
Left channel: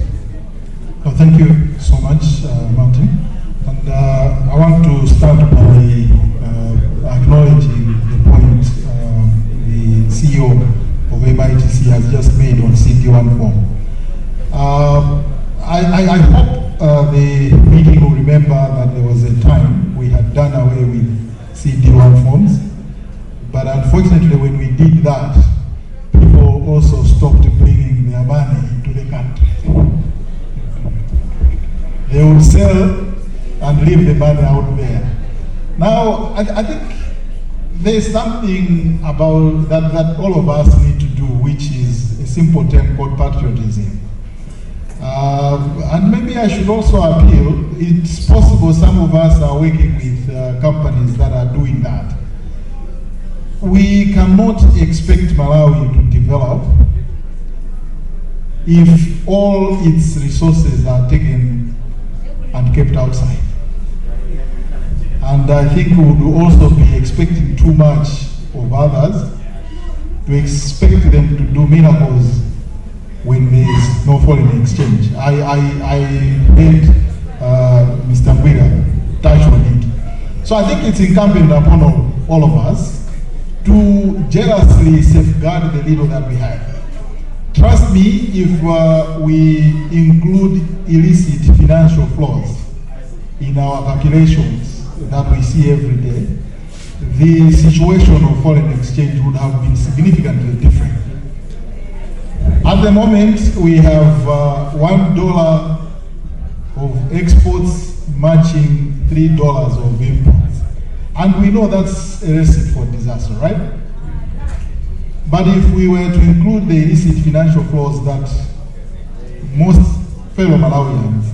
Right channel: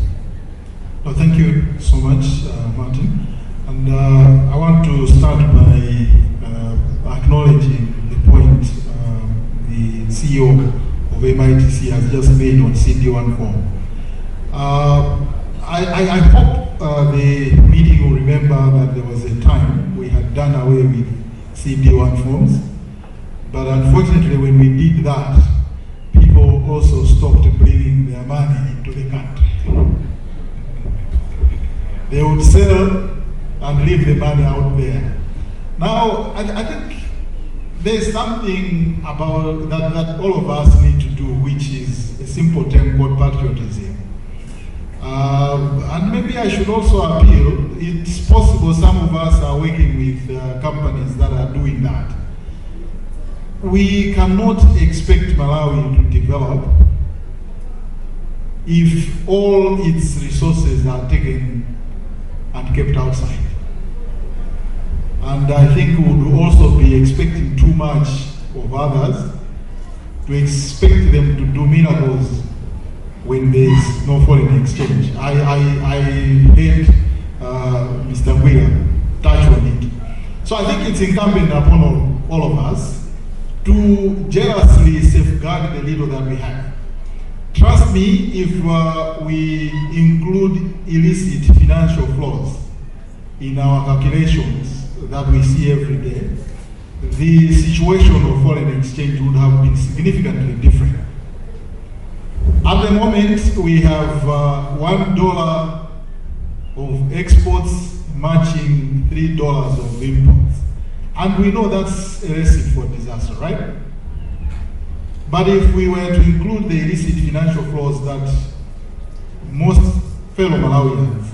Well, thank you so much, Martin. And I want to start by acknowledging the point the CEO of MITC has just made on CD1 form. I hope the meeting will remember that there was a time we had done away with CD1 forms, but unfortunately when we did that, people also stopped bringing their money into the country. They would sell and leave the money out there. Now, I think there's something about that all of us need to do, which is a simple term called patriotism. And maybe I should also appeal, it's possible some of us are working with companies that are doing that. We cannot expect Malawi to develop if all its resources are taken and kept outside. And I think we would also be expecting too much of others to expect them to do miracles when there is no foreign exchange. I heard Mr. Ngwira touch on it. So I think it's incumbent upon all of us to jealously safeguard the little that we have. Trust me, if we include illicit financial flows in our calculations that we see every day, the situation of foreign exchange would have been significantly different. At the moment, we have $1 of exports matching $3 of imports. And we know that's a recipe for disaster, right? But if we were to include the illicit financial flows that most fellow Malawians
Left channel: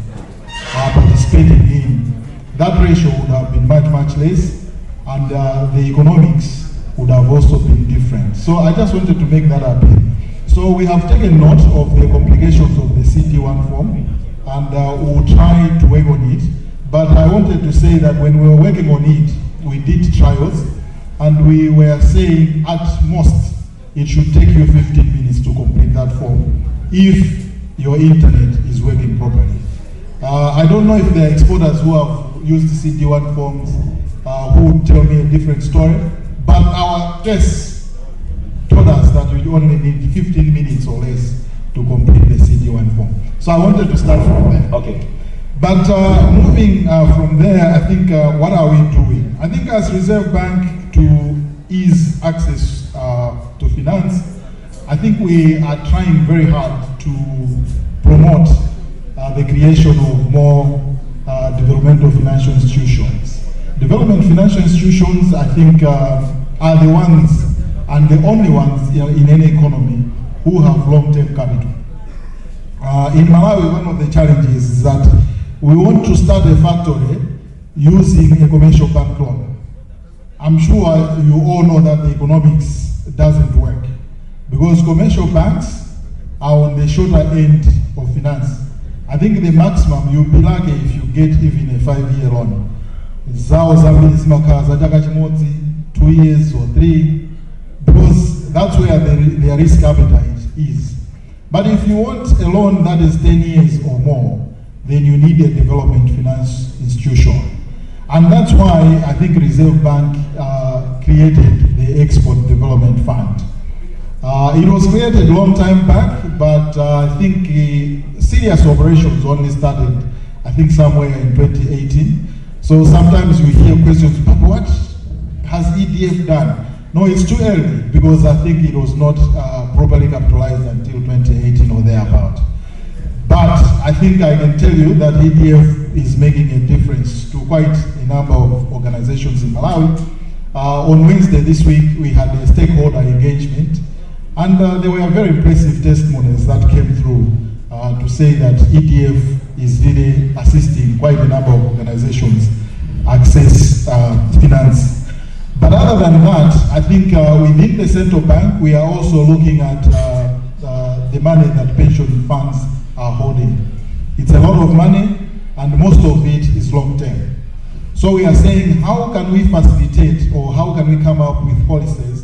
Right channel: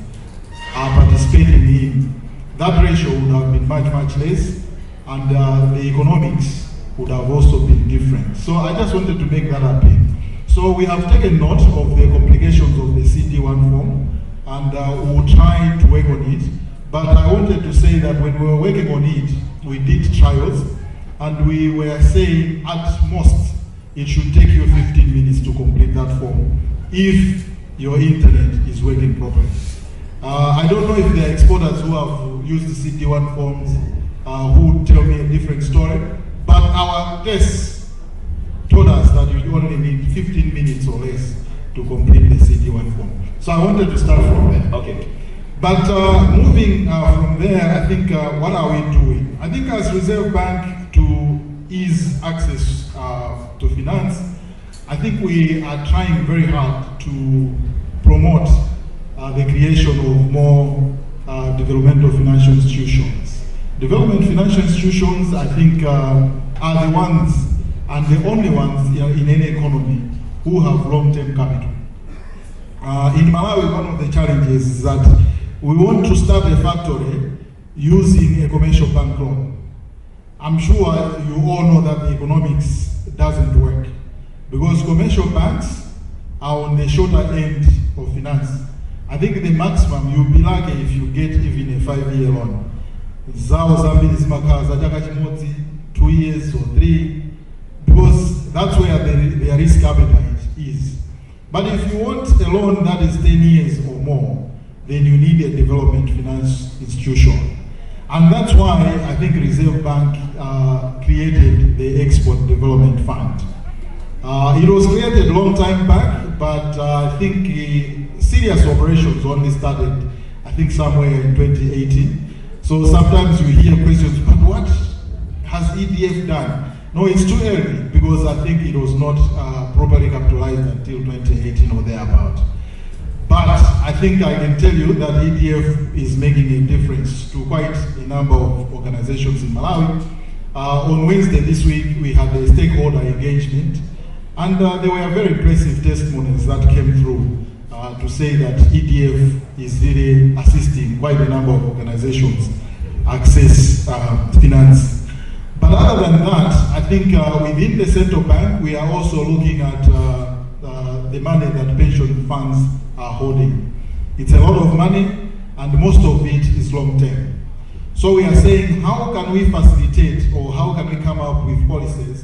are participating in, that ratio would have been much, much less, and the economics would have also been different. So I just wanted to make that appeal. So we have taken note of the complications of the CD1 form, and we will try to work on it. But I wanted to say that when we were working on it, we did trials, and we were saying at most it should take you 15 minutes to complete that form if your internet is working properly. I don't know if there are exporters who have used the CD1 forms who tell me a different story, but our tests told us that you only need 15 minutes or less to complete the CD1 form. So I wanted to start from there. Okay. But moving from there, I think what are we doing? I think as Reserve Bank, to ease access to finance, I think we are trying very hard to promote the creation of more developmental financial institutions. Development financial institutions, I think, are the ones and the only ones in any economy who have long-term capital. In Malawi, one of the challenges is that we want to start a factory using a commercial bank loan. I'm sure you all know that the economics doesn't work because commercial banks are on the shorter end of finance. I think the maximum you'll be lucky if you get even a 5-year loan. 2 years or 3, because that's where their risk appetite is. But if you want a loan that is 10 years or more, then you need a development finance institution. And that's why I think Reserve Bank created the Export Development Fund. It was created a long time back, but I think serious operations only started, I think, somewhere in 2018. So sometimes we hear questions, but what has EDF done? No, it's too early, because I think it was not properly capitalized until 2018 or thereabout. But I think I can tell you that EDF is making a difference to quite a number of organizations in Malawi. On Wednesday this week, we had a stakeholder engagement, and there were very impressive testimonies that came through to say that EDF is really assisting quite a number of organizations access finance. But other than that, I think within the central bank, we are also looking at the money that pension funds are holding. It's a lot of money, and most of it is long term. So we are saying, how can we facilitate, or how can we come up with policies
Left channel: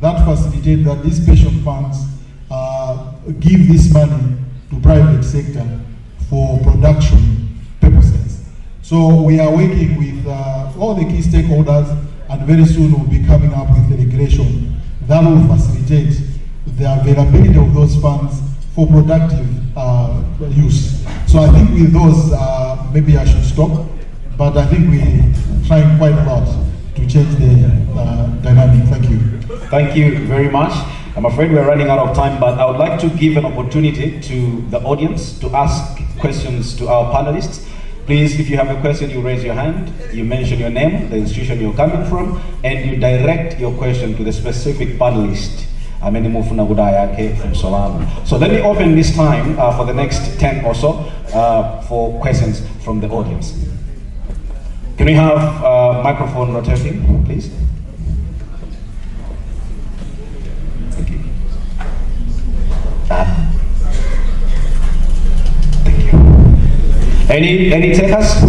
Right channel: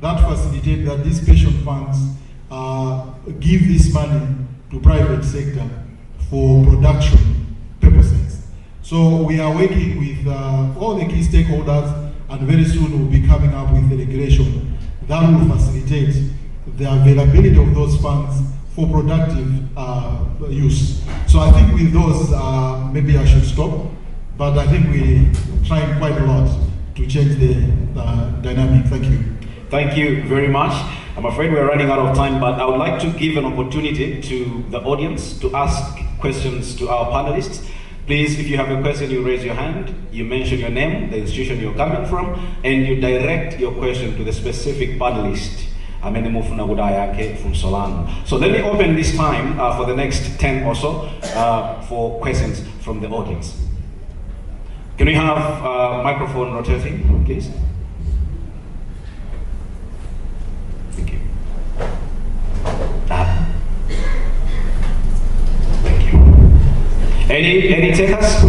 that facilitate that these pension funds give this money to private sector for production purposes. So we are working with all the key stakeholders, and very soon we'll be coming up with a regulation that will facilitate the availability of those funds for productive use. So I think with those, maybe I should stop, but I think we're trying quite a lot to change the dynamic. Thank you. Thank you very much. I'm afraid we're running out of time, but I would like to give an opportunity to the audience to ask questions to our panelists. Please, if you have a question, you raise your hand, you mention your name, the institution you're coming from, and you direct your question to the specific panelist. From Solano. So let me open this time for the next 10 or so for questions from the audience. Can we have microphone rotating, please? Thank you. Thank you. Any takers?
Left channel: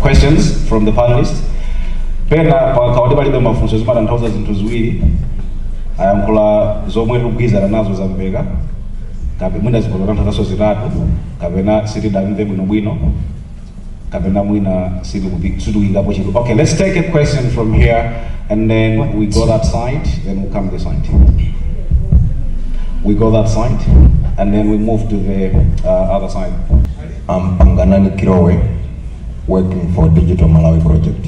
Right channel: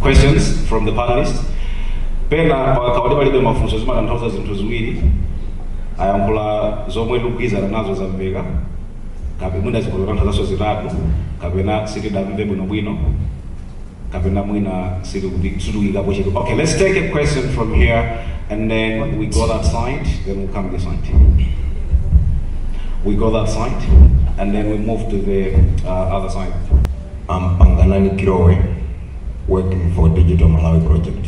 Questions from the panelists? ayankhula zomwe tikugwirizana nazo zamveka mwina zikolola nthazaso zitatu kapena sitidamve bwinobwino kapena mwina sitikuyikapo chinthu. Okay, let's take a question from here and then we go that side, then we'll come this side. We go that side and then we move to the other side. I'm Panganani Kirowe, working for Digital Malawi Project.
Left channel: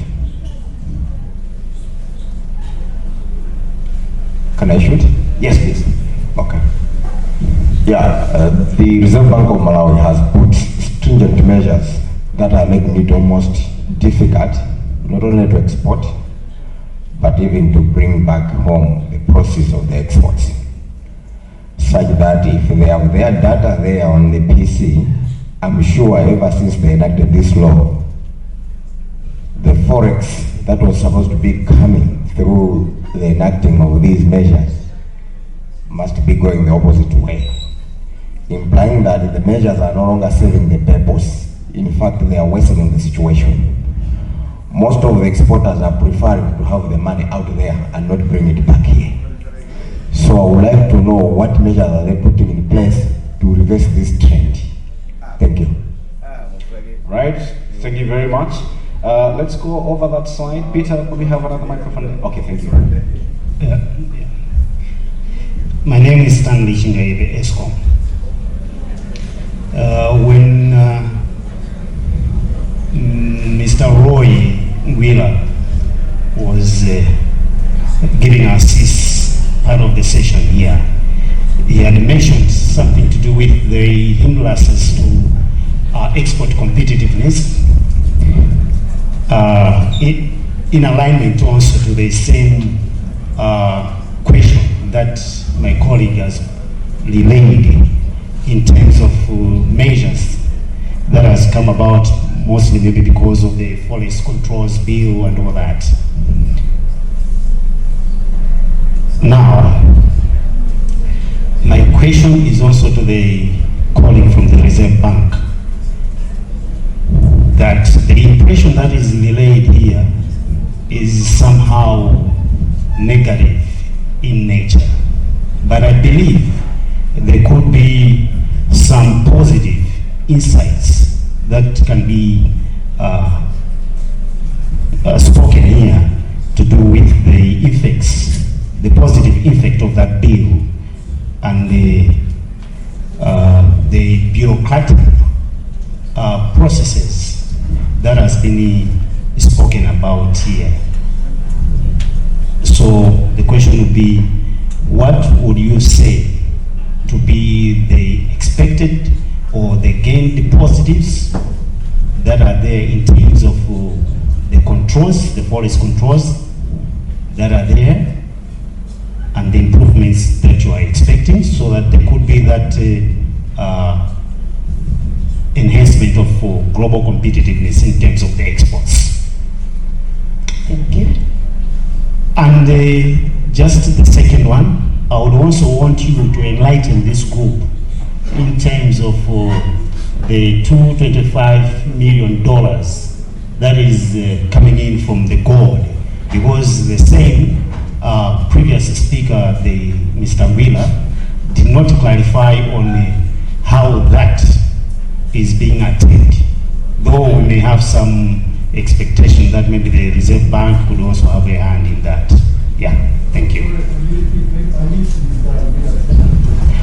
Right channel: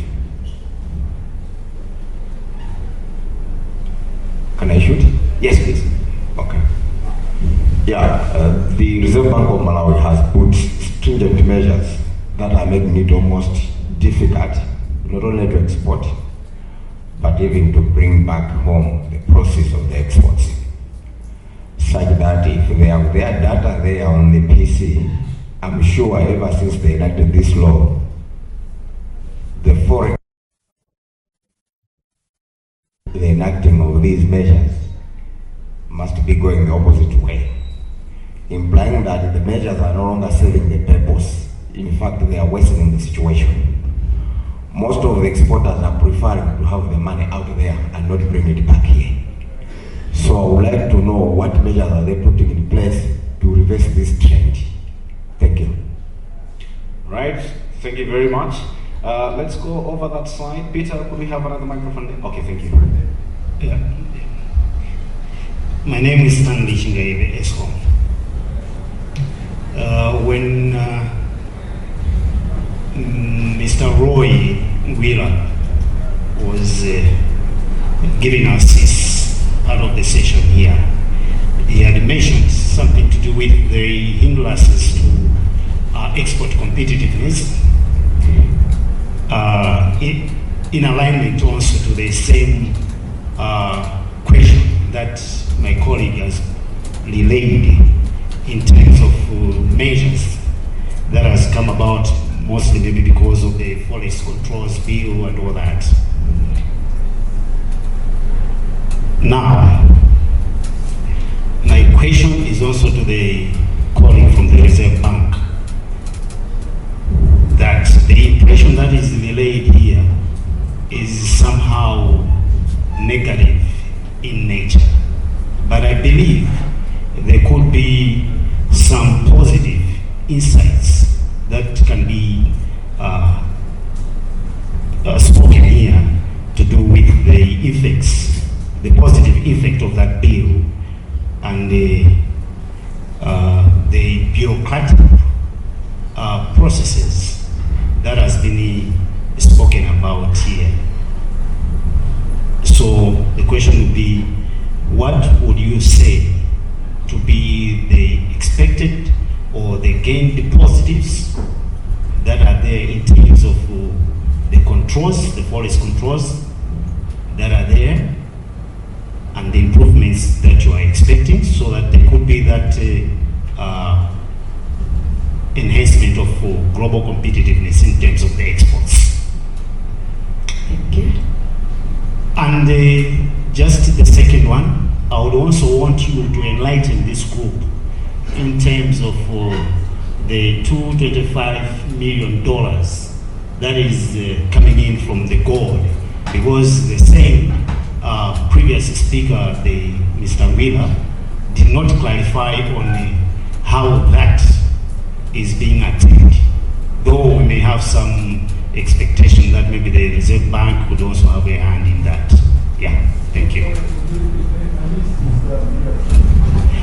Can I shoot? Yes, please. Okay. Yeah, the Reserve Bank of Malawi has put stringent measures that are making it almost difficult, not only to export, but even to bring back home the proceeds of the exports. Such that if they have their data there on the PC, I'm sure ever since they enacted this law, the forex that was supposed to be coming through the enacting of these measures must be going the opposite way, implying that the measures are no longer serving the purpose. In fact, they are worsening the situation. Most of the exporters are preferring to have the money out there and not bring it back here. So I would like to know what measures are they putting in place to reverse this trend. Thank you. Right, thank you very much. Let's go over that side. Peter, could we have another microphone? Okay, thank you. Yeah. My name is Stanley Chingaibe Eskom. When Mr. Roy Wheeler was giving us his part of the session here, he had mentioned something to do with the hindrances to export competitiveness, in alignment also to the same question that my colleague has relayed in terms of measures that has come about mostly maybe because of the Forest Controls Bill and all that. Now, my question is also to the colleague from the Reserve Bank, that the impression that is relayed here is somehow negative in nature. But I believe there could be some positive insights that can be spoken here to do with the effects, the positive effect of that bill and the bureaucratic processes that has been spoken about here. So the question would be, what would you say to be the expected or the gained positives that are there in terms of the controls, the forest controls that are there, and the improvements that you are expecting, so that there could be that enhancement of global competitiveness in terms of the exports. Thank you. And just the second one, I would also want you to enlighten this group in terms of the $225 million that is coming in from the gold, because the same previous speaker, Mr. Wheeler, did not clarify on how that is being attained, though we may have some expectation that maybe the Reserve Bank could also have a hand in that. Yeah, thank you.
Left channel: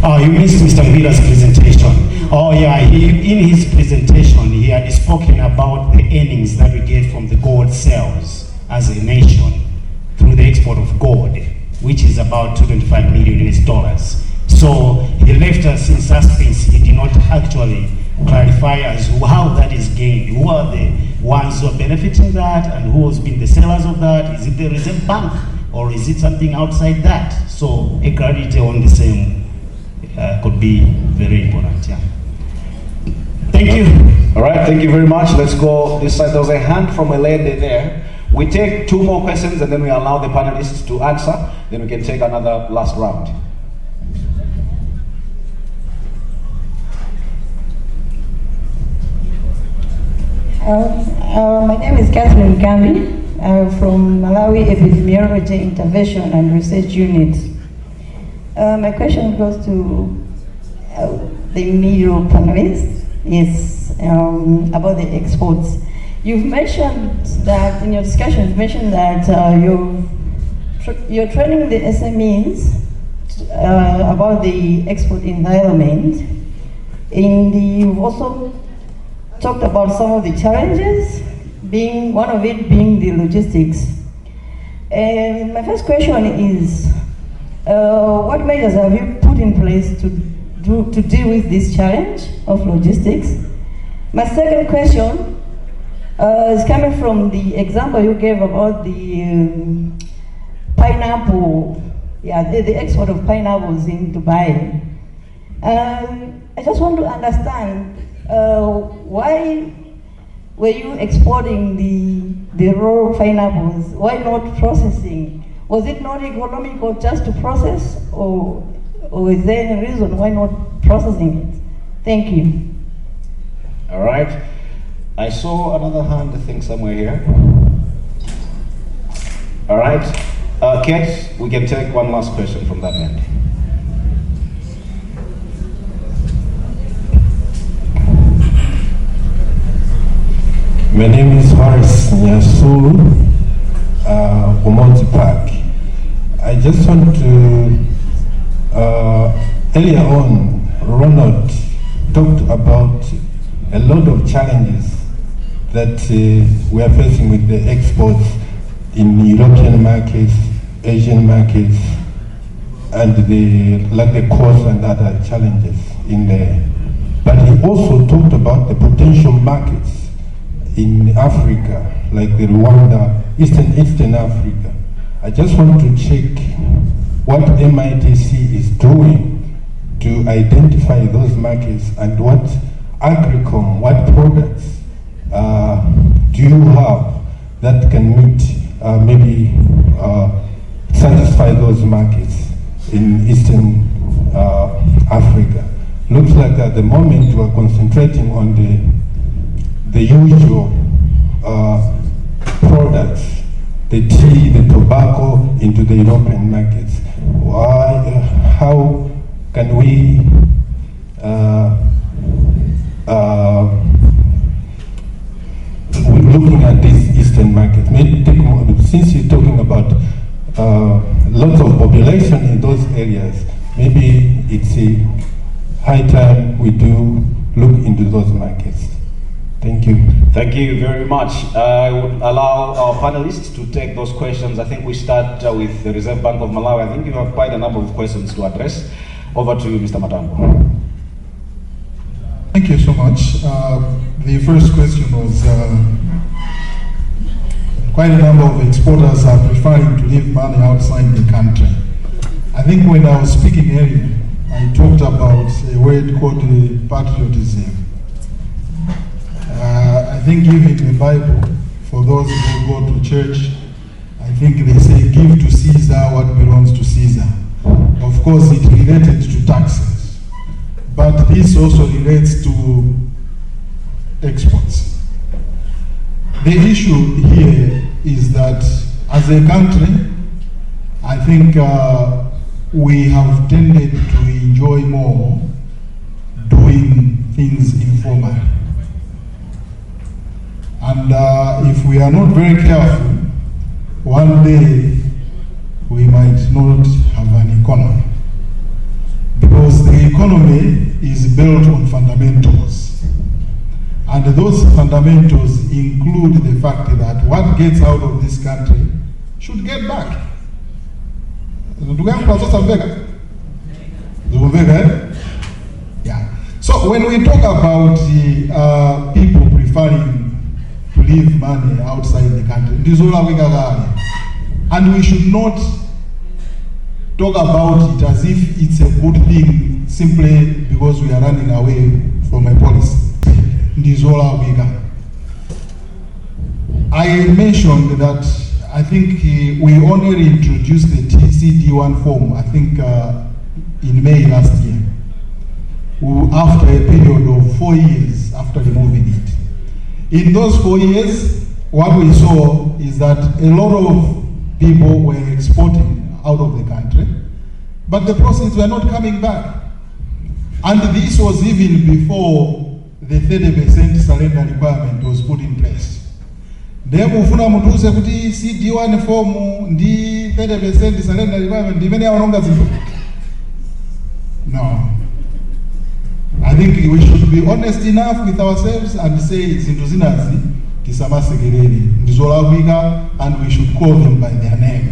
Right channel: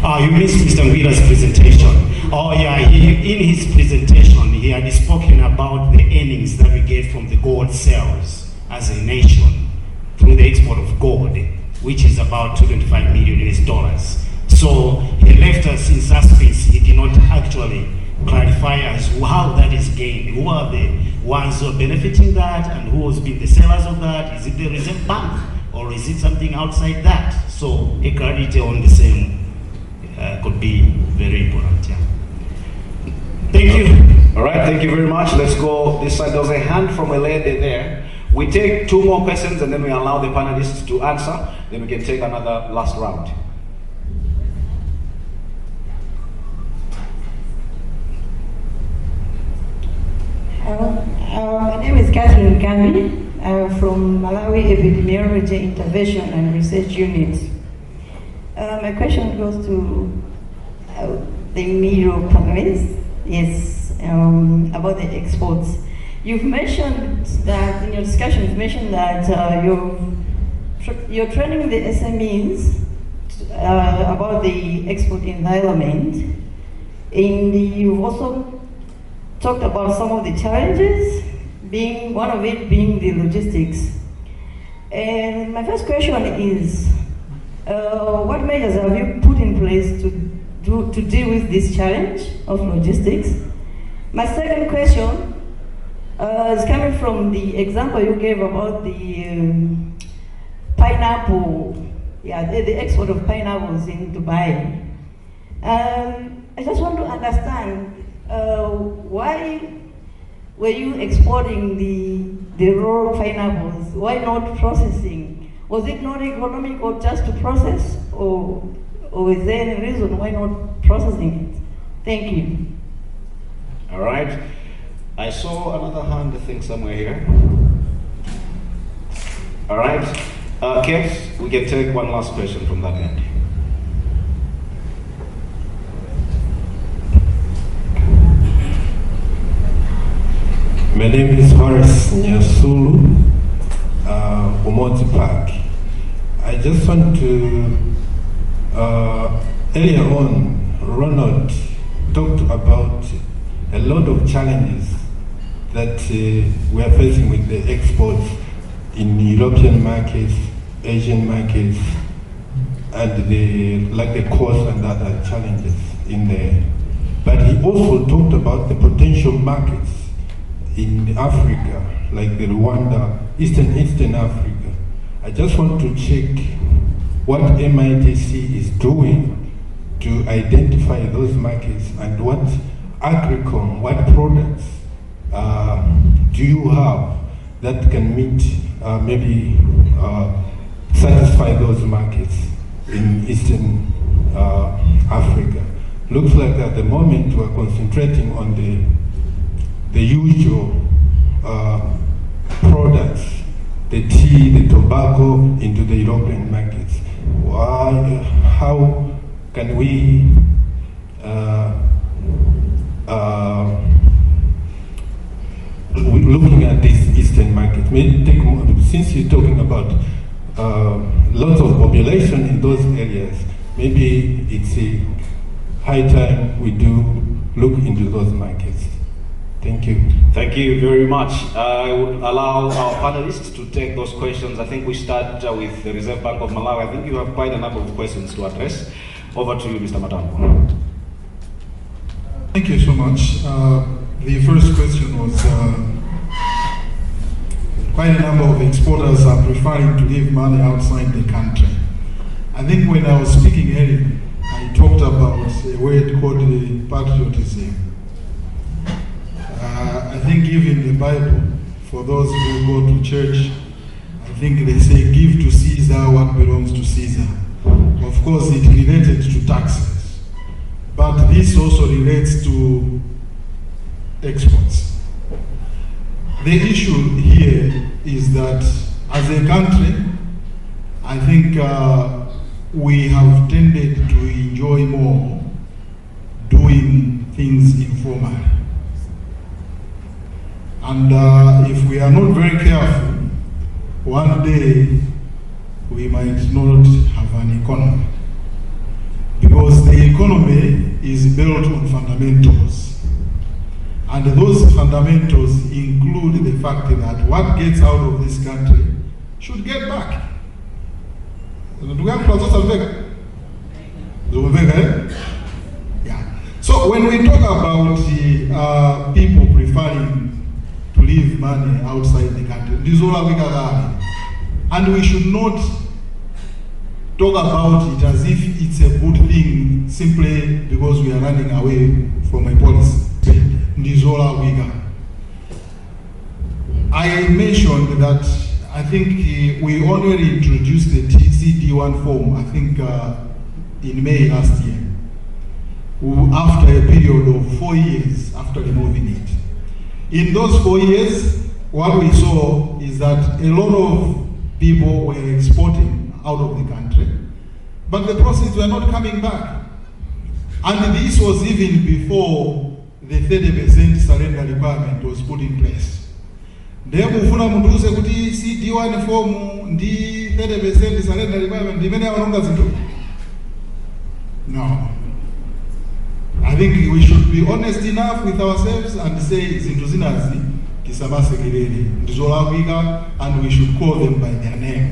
Oh, you missed Mr. Wheeler's presentation. Oh yeah, in his presentation, he had spoken about the earnings that we get from the gold sales as a nation through the export of gold, which is about $225 million. So he left us in suspense. He did not actually clarify as to how that is gained. Who are the ones who are benefiting that, and who has been the sellers of that? Is it the Reserve Bank, or is it something outside that? So a clarity on the same could be very important. Yeah. Thank you. All right, thank you very much. Let's go this side. There was a hand from a lady there. We take 2 more questions and then we allow the panelists to answer. Then we can take another last round. My name is Catherine Gambi. I'm from Malawi Epidemiology Intervention and Research Unit. My question goes to the middle panelists. Is about the exports. You've mentioned that in your discussion, you've mentioned that you're training the SMEs about the export environment, and you've also talked about some of the challenges, being one of it being the logistics. And my first question is, what measures have you put in place to deal with this challenge of logistics? My second question is coming from the example you gave about the pineapple, the export of pineapples in Dubai. I just want to understand why were you exporting the raw pineapples? Why not processing? Was it not economical just to process, or is there any reason why not processing it? Thank you. All right. I saw another hand, I think, somewhere here. All right. Kate, we can take one last question from that end. My name is Horace Nyasulu, Umonzi Park. I just want to, earlier on, Ronald talked about a lot of challenges that we are facing with the exports in European markets, Asian markets, and the cost and other challenges in there. But he also talked about the potential markets in Africa, like the Rwanda, Eastern Africa. I just want to check what MITC is doing to identify those markets, and what Agricom, what products do you have that can meet, maybe satisfy those markets in Eastern Africa. Looks like at the moment we're concentrating on the usual products, the tea, the tobacco, into the European markets. How can we looking at these Eastern markets, maybe take more, since you're talking about lots of population in those areas, maybe it's a high time we do look into those markets. Thank you. Thank you very much. I would allow our panelists to take those questions. I think we start with the Reserve Bank of Malawi. I think you have quite a number of questions to address. Over to you, Mr. Matambo. Thank you so much. The first question was, quite a number of exporters are preferring to give money outside the country. I think when I was speaking earlier, I talked about a word called patriotism. I think even in the Bible, for those who go to church, I think they say, give to Caesar what belongs to Caesar. Of course, it related to taxes, but this also relates to exports. The issue here is that as a country, I think we have tended to enjoy more doing things informally. And if we are not very careful, one day we might not have an economy. Because the economy is built on fundamentals. And those fundamentals include the fact that what gets out of this country should get back. Yeah. So when we talk about people preferring to leave money outside the country, and we should not talk about it as if it's a good thing simply because we are running away from a policy. I mentioned that I think we only introduced the TCD1 form, I think in May last year, after a period of 4 years after removing it. In those 4 years, what we saw is that a lot of people were exporting out of the country, but the proceeds were not coming back. And this was even before the 30% surrender requirement was put in place. Ndiye mufuna mutuze kuti CD1 form ndi 30% surrender requirement ndimene aononga zinthu? No. I think we should be honest enough with ourselves and say zinthu zinazi tisamasekerere ndizolakwika, and we should call them by their name.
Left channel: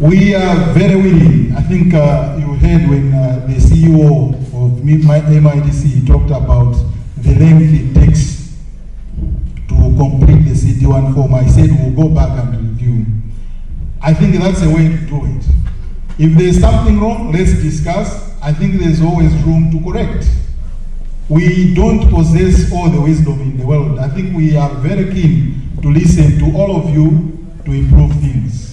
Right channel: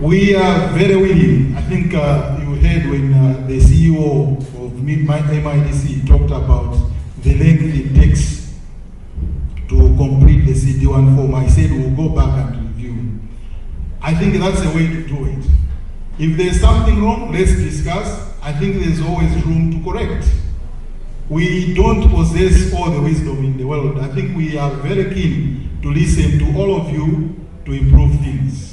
We are very willing. I think you heard when the CEO of MIPS talked about the length it takes to complete the CD1 form. I said we'll go back and review. I think that's the way to do it. If there's something wrong, let's discuss. I think there's always room to correct. We don't possess all the wisdom in the world. I think we are very keen to listen to all of you to improve things.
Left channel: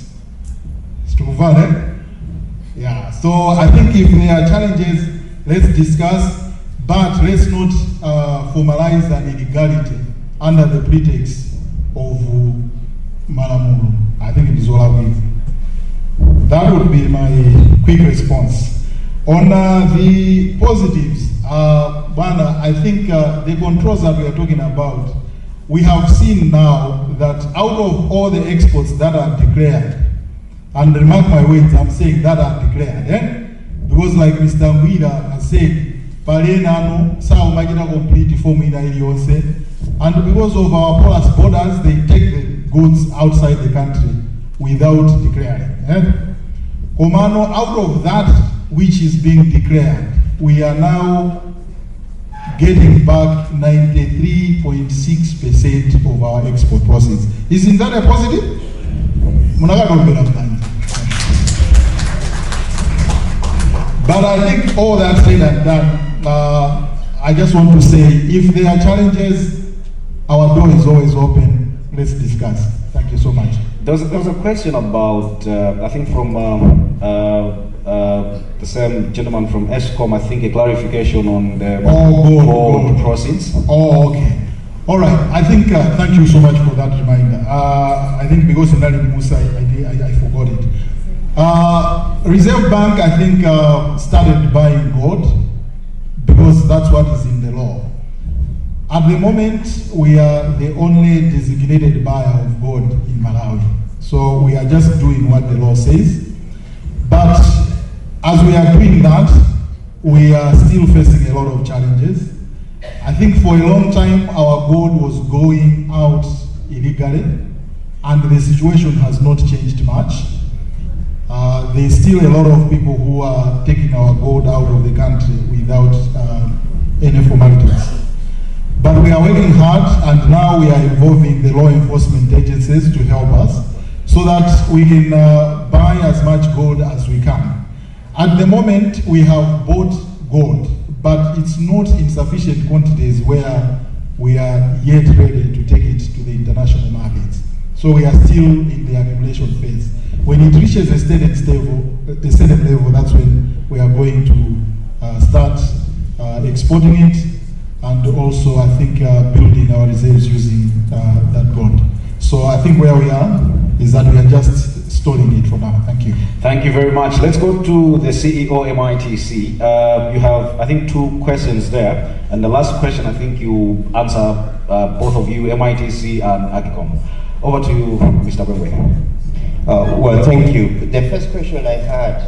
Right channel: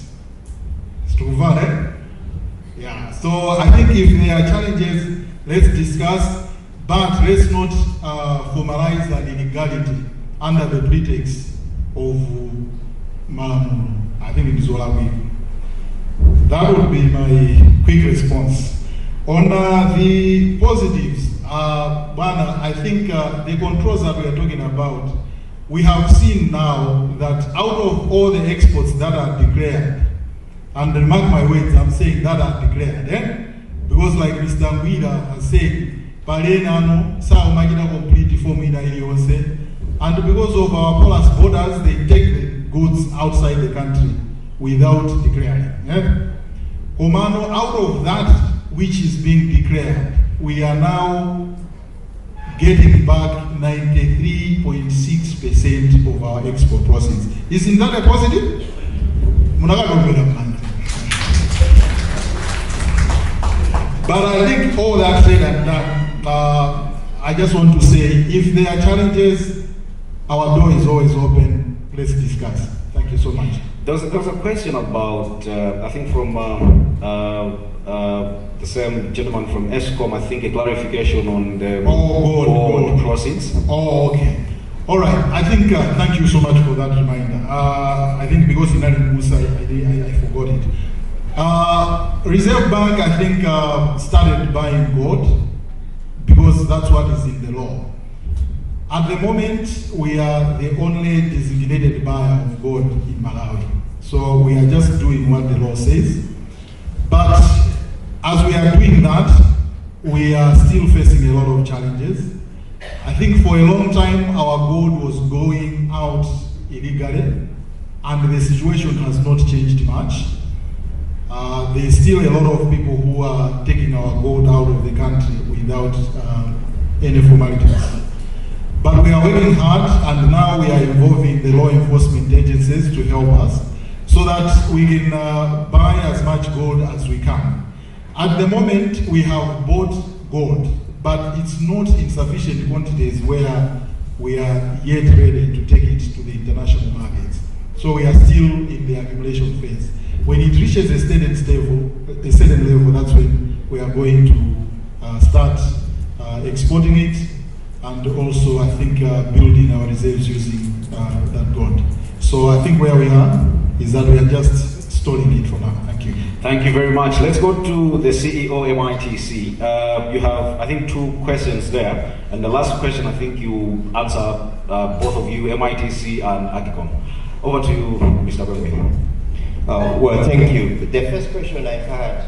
Yeah, so I think if there are challenges, let's discuss, but let's not formalize an illegality under the pretext of Malamulu. I think it is all I That would be my quick response. On the positives, I think the controls that we are talking about, we have seen now that out of all the exports that are declared, and mark my words, I'm saying that are declared, because like Mr. Ngwira has said, Palenano, Sao Magina complete form in Ilionse, and because of our porous borders, they take the goods outside the country without declaring. Komano, out of that which is being declared, we are now getting back 93.6% of our export proceeds. Isn't that a positive? But I think all that said and done, I just want to say, if there are challenges, our door is always open. Let's discuss. Thank you so much. There was a question about, I think from the same gentleman from ESCOM, I think a clarification on the gold proceeds. Oh, okay. All right. I think, thank you so much for that reminder. I think because in Musa, I forgot it. Reserve Bank, I think, started buying gold because that's what is in the law. At the moment, we are the only designated buyer of gold in Malawi. So we are just doing what the law says. But as we are doing that, we are still facing a lot of challenges. I think for a long time, our gold was going out illegally, and the situation has not changed much. There's still a lot of people who are taking our gold out of the country without any formalities. But we are working hard, and now we are involving the law enforcement agencies to help us so that we can buy as much gold as we can. At the moment, we have bought gold, but it's not in sufficient quantities where we are yet ready to take it to the international markets. So we are still in the accumulation phase. When it reaches a certain level, that's when we are going to start exporting it, and also I think building our reserves using that gold. So I think where we are is that we are just stalling it for now. Thank you. Thank you very much. Let's go to the CEO MITC. You have, I think, 2 questions there, and the last question I think you answer, both of you, MITC and AGCOM. Over to you, Mr. Gwengwe. Well, thank you. The first question I had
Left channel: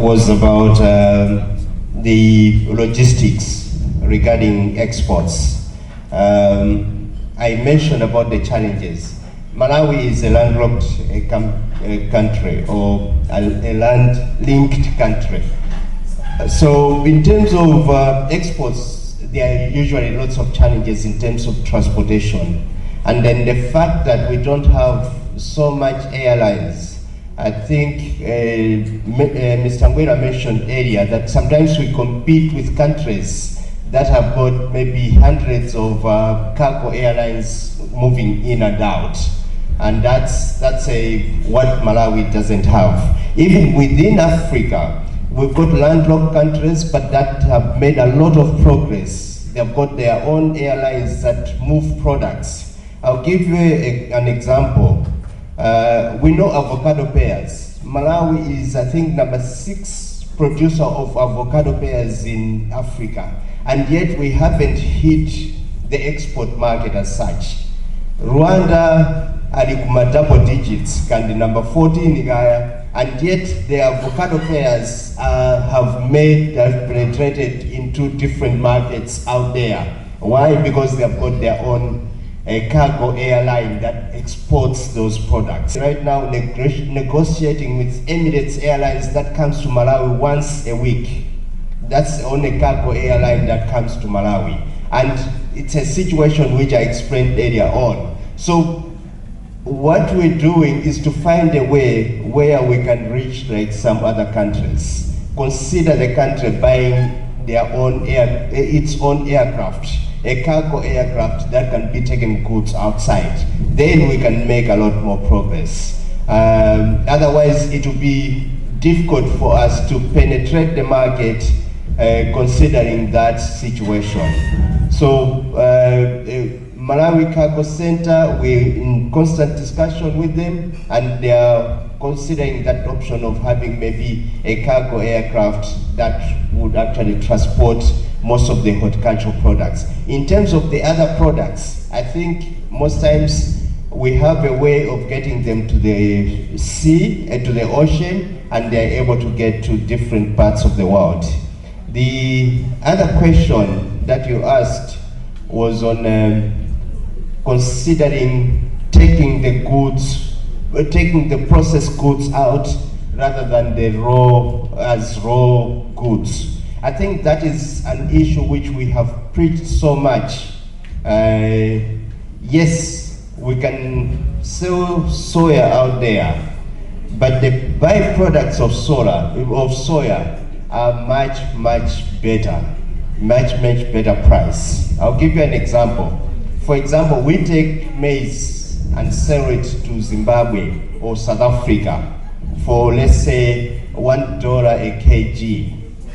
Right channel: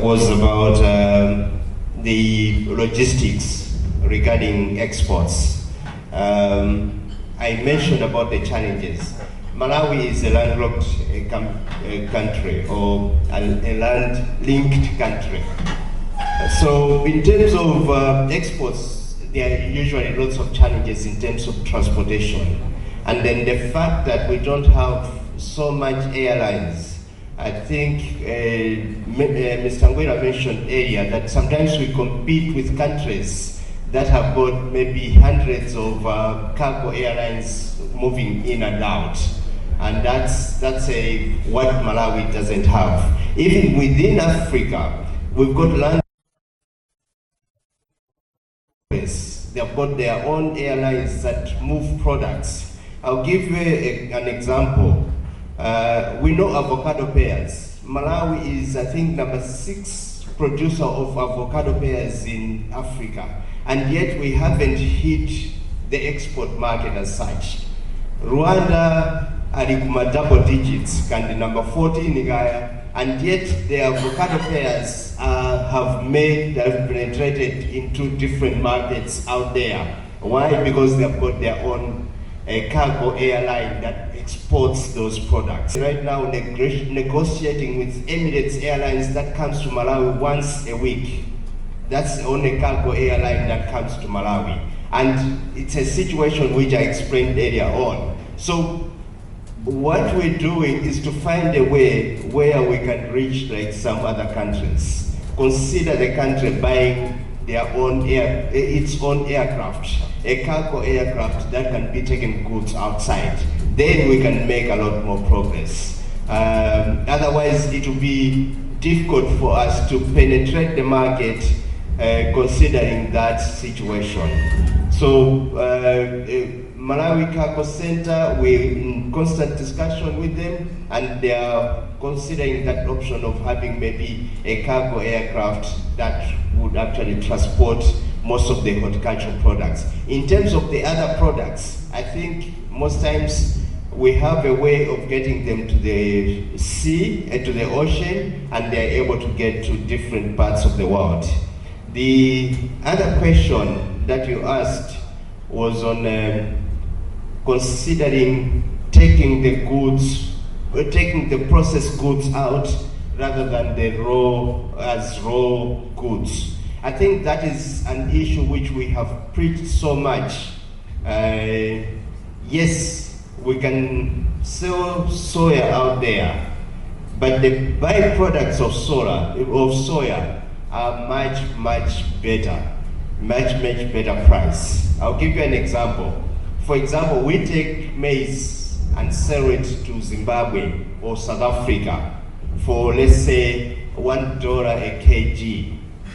was about the logistics regarding exports. I mentioned about the challenges. Malawi is a landlocked country, or a land-linked country. So in terms of exports, there are usually lots of challenges in terms of transportation. And then the fact that we don't have so much airlines, I think Mr. Ngwira mentioned earlier that sometimes we compete with countries that have got maybe hundreds of cargo airlines moving in and out. And that's what Malawi doesn't have. Even within Africa, we've got landlocked countries, but that have made a lot of progress. They've got their own airlines that move products. I'll give you an example. We know avocado pears. Malawi is, I think, number 6 producer of avocado pears in Africa, and yet we haven't hit the export market as such. Rwanda are double digits, kandi number 14 Gaya, and yet the avocado pears have penetrated into different markets out there. Why? Because they've got their own cargo airline that exports those products. Right now, negotiating with Emirates Airlines that comes to Malawi once a week. That's the only cargo airline that comes to Malawi. And it's a situation which I explained earlier on. So what we're doing is to find a way where we can reach like some other countries. Consider the country buying their own its own aircraft, a cargo aircraft that can be taking goods outside. Then we can make a lot more progress. Otherwise, it will be difficult for us to penetrate the market considering that situation. So Malawi Cargo Center, we're in constant discussion with them, and they are considering that option of having maybe a cargo aircraft that would actually transport most of the horticultural products. In terms of the other products, I think most times we have a way of getting them to the sea and to the ocean, and they're able to get to different parts of the world. The other question that you asked was on considering taking the goods, taking the processed goods out rather than the raw goods. I think that is an issue which we have preached so much. Yes, we can sell soya out there, but the byproducts of soya are much better price. I'll give you an example. For example, we take maize and sell it to Zimbabwe or South Africa for, let's say, $1 a kg.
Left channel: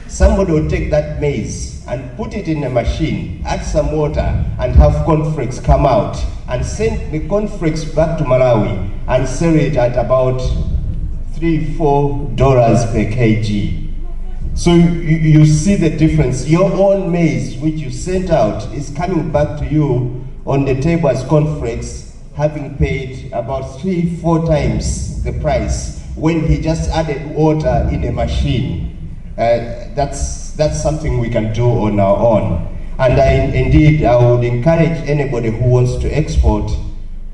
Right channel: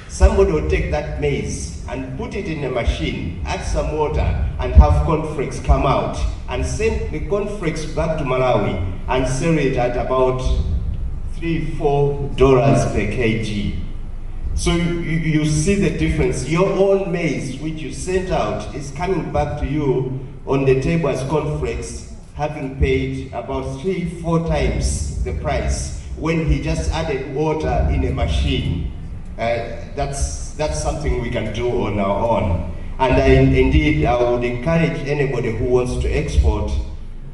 Somebody will take that maize and put it in a machine, add some water, and have cornflakes come out, and send the cornflakes back to Malawi and sell it at about $3-4 per kg. So you see the difference. Your own maize, which you sent out, is coming back to you on the table as cornflakes, having paid about 3-4 times the price when he just added water in a machine. That's something we can do on our own. And indeed, I would encourage anybody who wants to export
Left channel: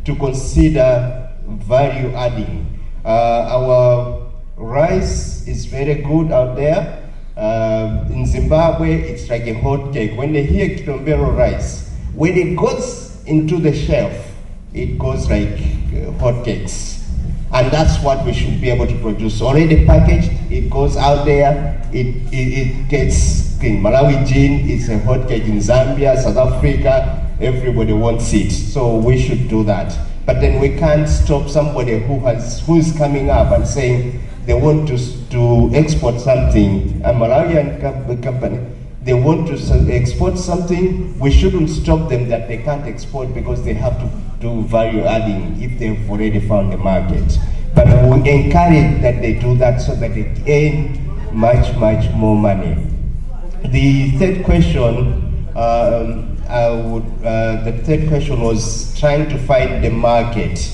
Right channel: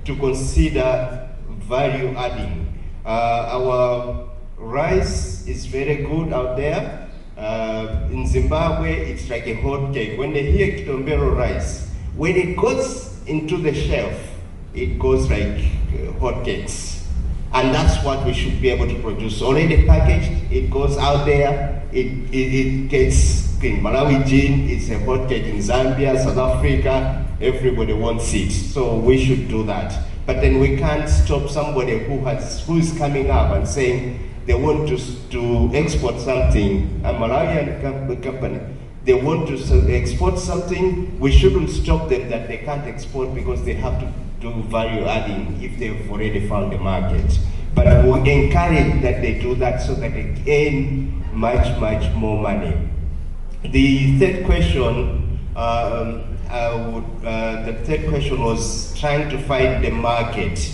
to consider value adding. Our rice is very good out there. In Zimbabwe, it's like a hot cake. When they hear Kitombero rice, when it goes into the shelf, it goes like hot cakes. And that's what we should be able to produce. Already packaged, it goes out there, it gets clean. Malawi gin is a hot cake in Zambia, South Africa, everybody wants it. So we should do that. But then we can't stop somebody who's coming up and saying they want to export something, a Malawian company, they want to export something, we shouldn't stop them that they can't export because they have to do value adding if they've already found the market. But we encourage that they do that so that they gain much more money. The third question, the third question was trying to find the market.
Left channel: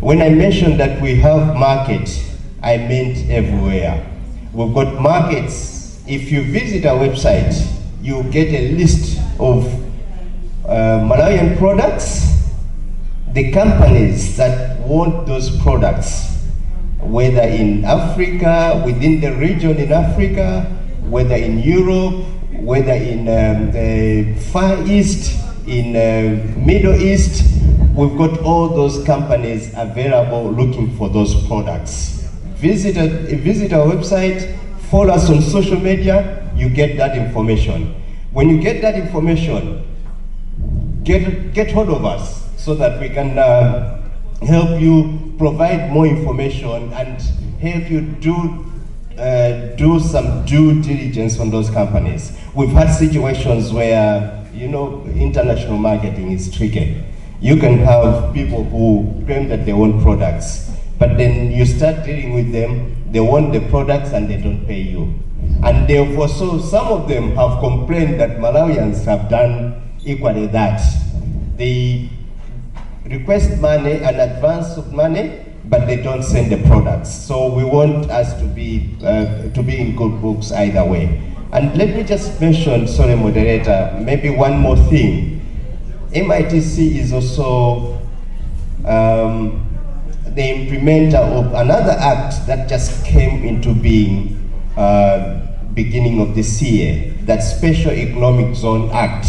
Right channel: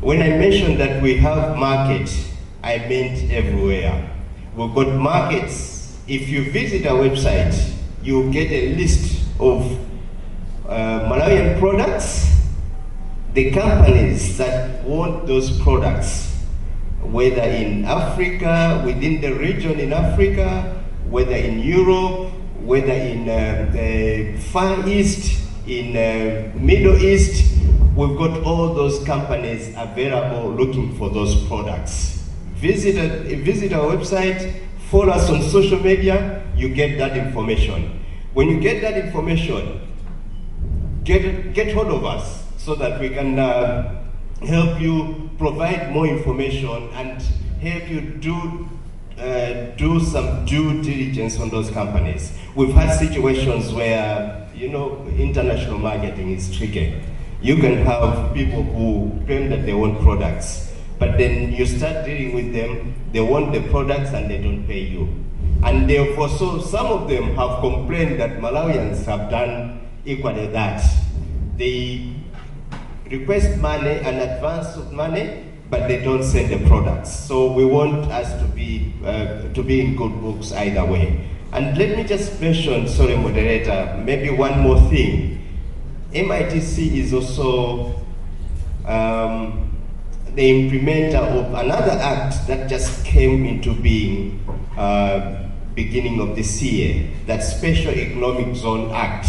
When I mentioned that we have market, I meant everywhere. We've got markets. If you visit our website, you get a list of Malawian products, the companies that want those products, whether in Africa, within the region in Africa, whether in Europe, whether in the Far East, in Middle East, we've got all those companies available looking for those products. Visit our website, follow us on social media, you get that information. When you get that information, get hold of us so that we can help you provide more information and help you do some due diligence on those companies. We've had situations where, international marketing is tricky. You can have people who claim that they want products, but then you start dealing with them, they want the products and they don't pay you. And therefore, so some of them have complained that Malawians have done equally that. They request money, an advance of money, but they don't send the products. So we want us to be in good books either way. And let me just mention, sorry moderator, maybe one more thing. MITC is also the implementer of another act that just came into being beginning of this year, that Special Economic Zone Act.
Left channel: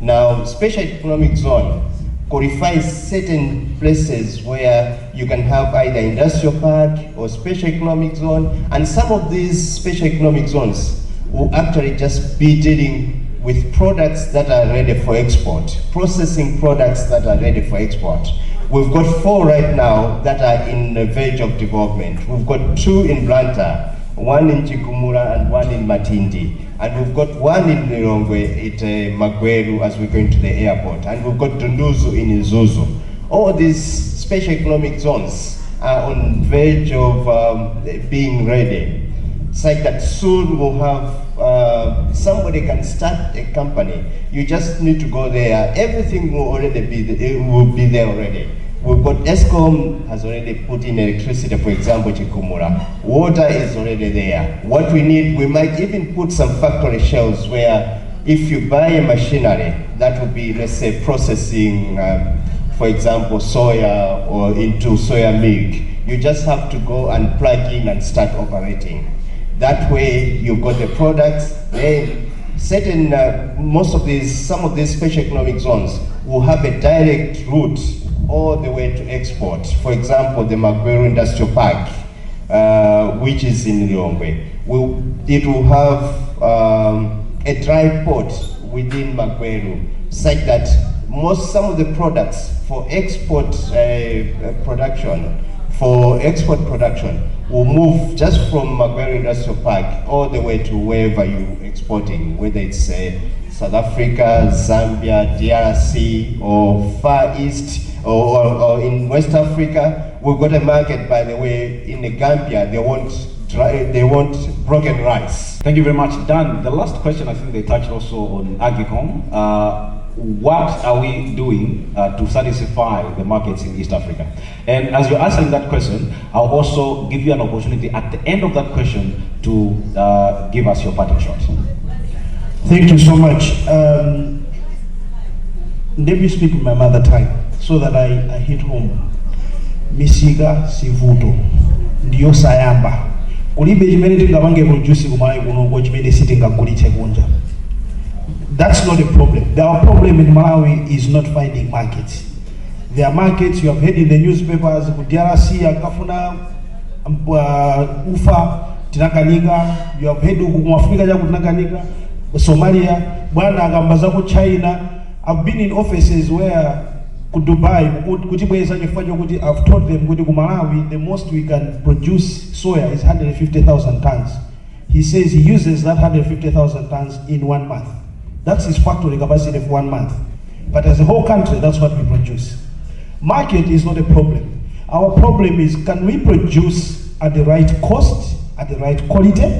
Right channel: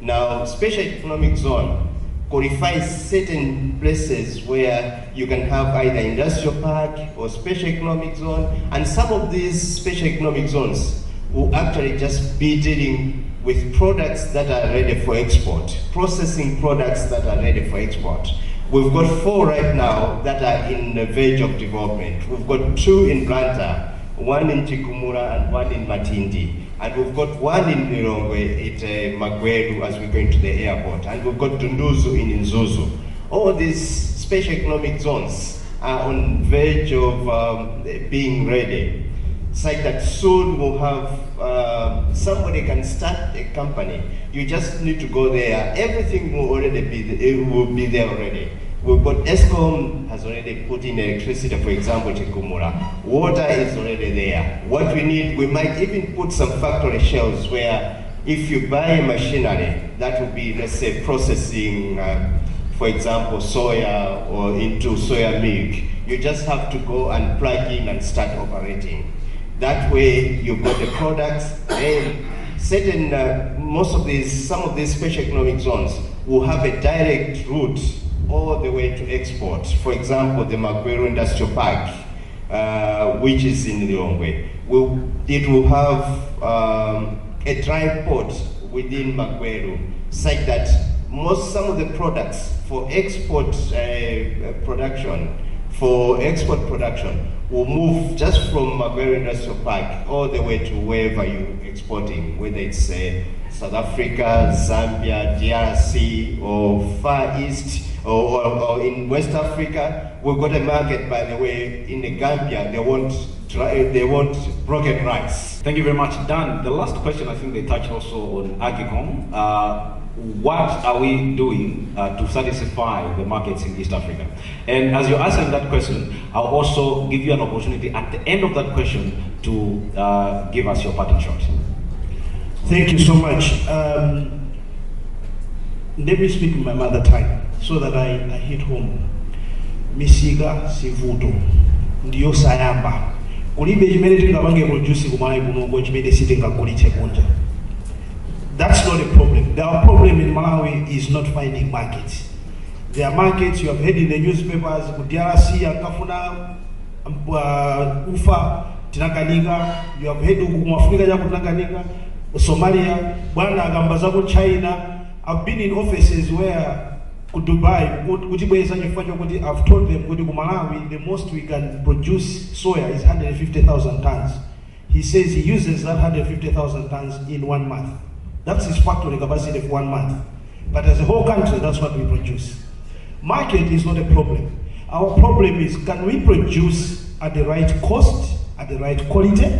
Now, Special Economic Zone qualifies certain places where you can have either industrial park or special economic zone, and some of these special economic zones will actually just be dealing with products that are ready for export, processing products that are ready for export. We've got 4 right now that are in the verge of development. We've got 2 in Blantyre, 1 in Chikumura and 1 in Matindi. And we've got 1 in Nirongwe at Magweru as we're going to the airport. And we've got Dunduzu in Nzuzu. All these special economic zones are on verge of being ready. It's like that soon we'll have, somebody can start a company. You just need to go there. Everything will already be there already. We've got ESCOM has already put in electricity, for example, Chikumura. Water is already there. What we need, we might even put some factory shelves where if you buy a machinery, that would be, let's say, processing, for example, soya or into soya milk. You just have to go and plug in and start operating. That way, you've got the products. Then certain, some of these special economic zones will have a direct route all the way to export. For example, the Magweru Industrial Park, which is in Lilongwe, it will have a dry port within Magweru, such that some of the products for export production will move just from Magweru Industrial Park all the way to wherever you're exporting, whether it's South Africa, Zambia, DRC, or Far East, or in West Africa. We've got a market, by the way, in the Gambia. They want broken rice. Thank you very much, Dan. The last question, I think they touched also on Agricom. What are we doing to satisfy the markets in East Africa? And as you're answering that question, I'll also give you an opportunity at the end of that question to give us your parting shot. Thank you so much. Let me speak in my mother tongue so that I hit home. Misiga sivuto ndiyo sayamba. Kulibe chimene tingapange produce kumalawi kuno chimene sitingagulitse kunja. That's not a problem. Our problem in Malawi is not finding markets. There are markets you have heard in the newspapers. DRC akafuna ufa tinakanika. You have heard Africa tinakanika. Somalia, bwana akambaza ku China. I've been in offices where Dubai, I've told them kuti ku Malawi the most we can produce soya is 150,000 tons. He says he uses that 150,000 tons in 1 month. That's his factory capacity for 1 month. But as a whole country, that's what we produce. Market is not a problem. Our problem is, can we produce at the right cost, at the right quality,